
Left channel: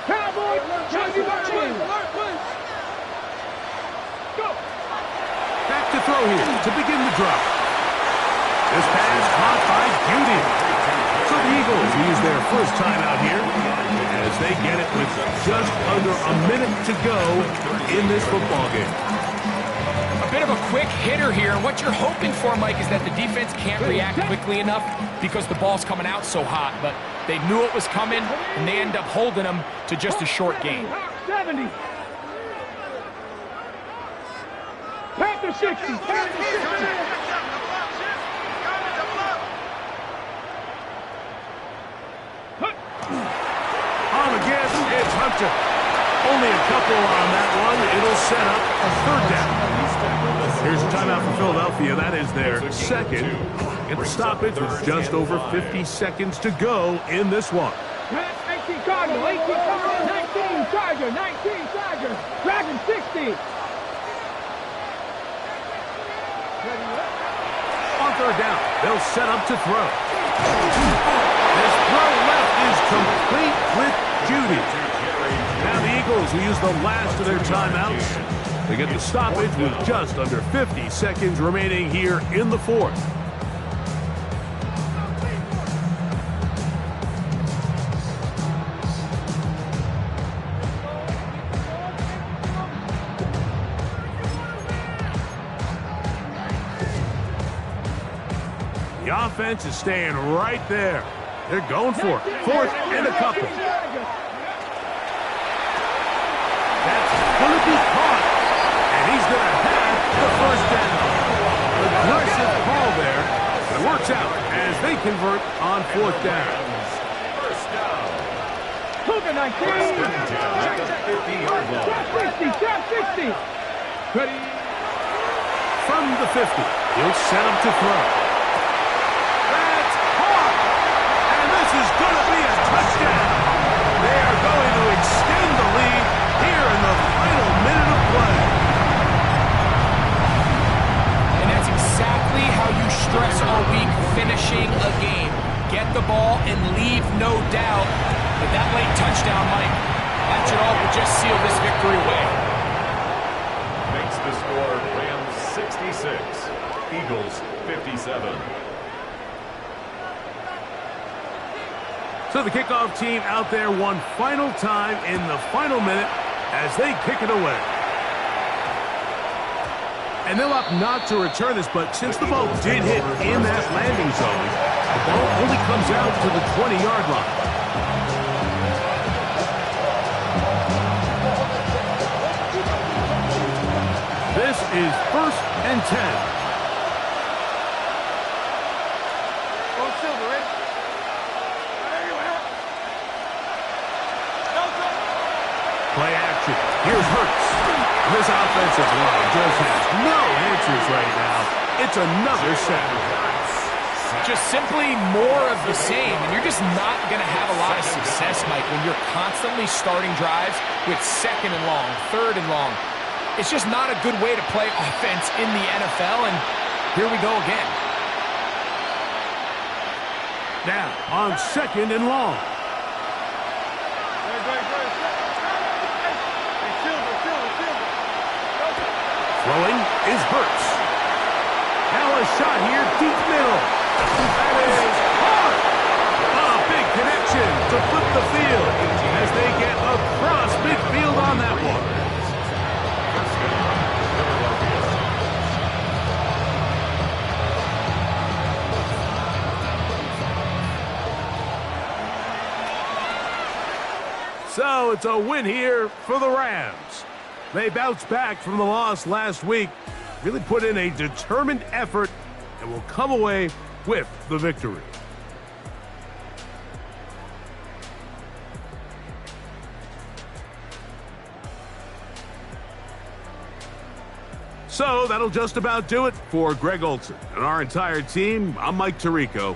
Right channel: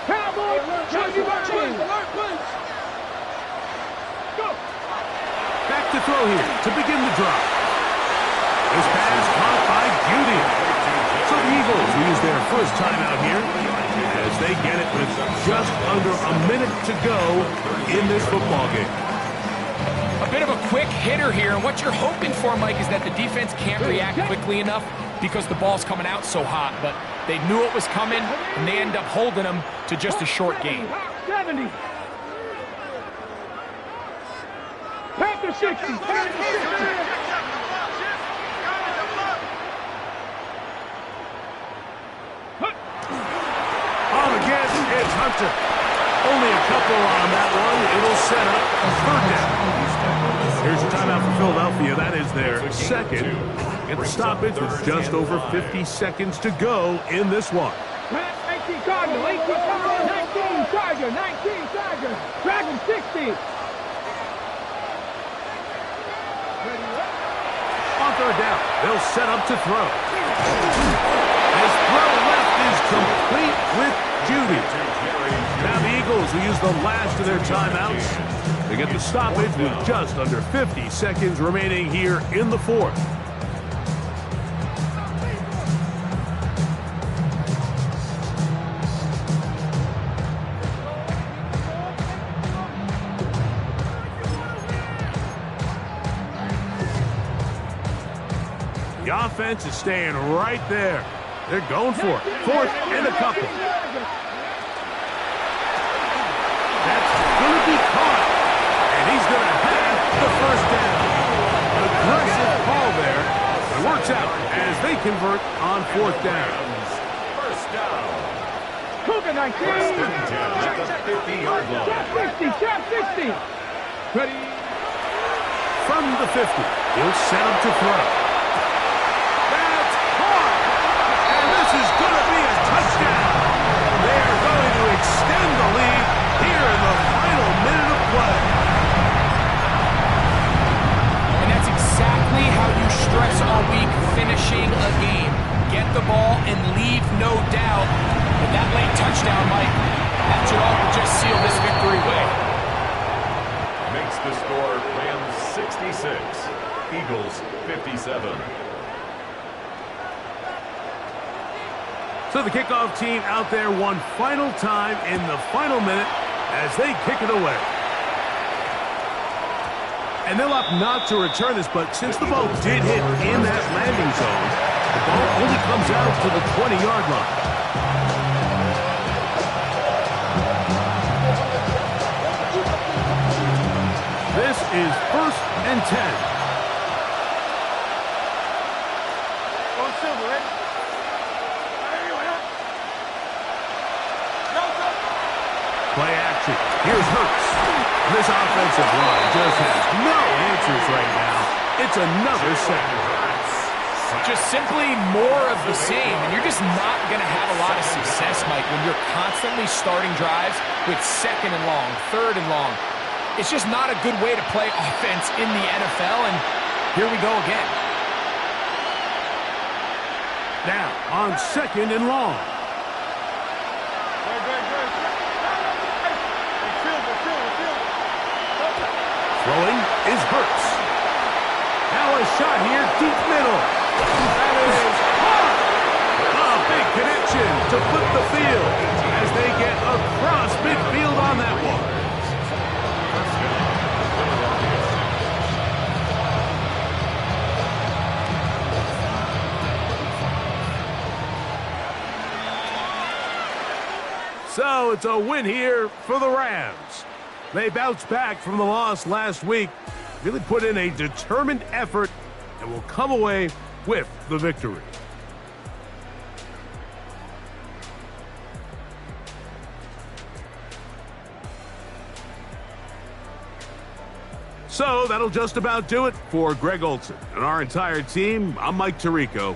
Cowboys! Alert, please! Go! Back to throw here to begin the drive. This pass caught by Beauty. So the Eagles use their first timeout here as they get it with just under a minute to go in this football game. A bit of a quick hitter here, and what you're hoping for, Mike, is that the defense can't react quickly enough because the ball's coming out so hot, but they knew it was coming, and they end up holding them to just a short gain. 70. Panther 60. On again, it's Hunter. Only a couple on that one. It'll set up a 3rd down. Here's a timeout for Philadelphia. That is their 2nd. Get the stoppage with just over 50 seconds to go in this one. 19 Cardinal, 18 Cardinal, 19 Charger, 19 Charger, Dragon 60. On 3rd down, they'll set up to throw. This throw left is complete with Judy. Now the Eagles will use the last of their timeouts. They get the stoppage with just under 50 seconds remaining here in the 4th. The offense is staying right there. They're going for it. 4th and a couple. That's going to be caught. And he's going to have the 1st down. Aggressive call there. It works out as they convert on 4th down. 1st down. Cougar 19. At the 50-yard line. Trap 60. Ready? From the 50, he'll set up to throw. That's caught. And this is going to be a touchdown. They are going to extend the lead here in the final minute of play. And that's exactly how you stress all week finishing a game. Get the ball and leave no doubt. But that late touchdown, Mike, that should all but just seal this victory away. Makes the score Rams 66, Eagles 57. So the kickoff team out there one final time in the final minute as they kick it away. And they'll opt not to return this, but since the ball did hit in that landing zone, the ball only comes out to the 20-yard line. This is 1st and 10. Go Silver, ready? Play action. Here's Hurts. This offensive line just has no answers right now. It's another sack. Just simply more of the same, and you're just not going to have a lot of success, Mike, when you're constantly starting drives with 2nd and long, 3rd and long. It's just not a good way to play offense in the NFL, and here we go again. Now, on 2nd and long. Throwing is Hurts. Now a shot here, deep middle. That is hard. A big connection to flip the field as they get across midfield on that one. First down, Philadelphia. So it's a win here for the Rams. They bounced back from the loss last week, really put in a determined effort, and will come away with the victory. So that'll just about do it for Greg Olsen and our entire team. I'm Mike Tirico.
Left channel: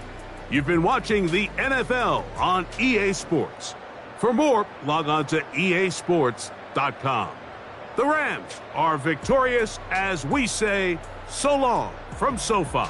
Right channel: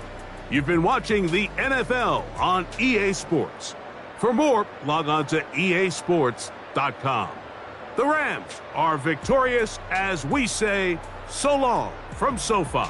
You've been watching the NFL on EA Sports. For more, log on to easports.com. The Rams are victorious as we say so long from SoFi.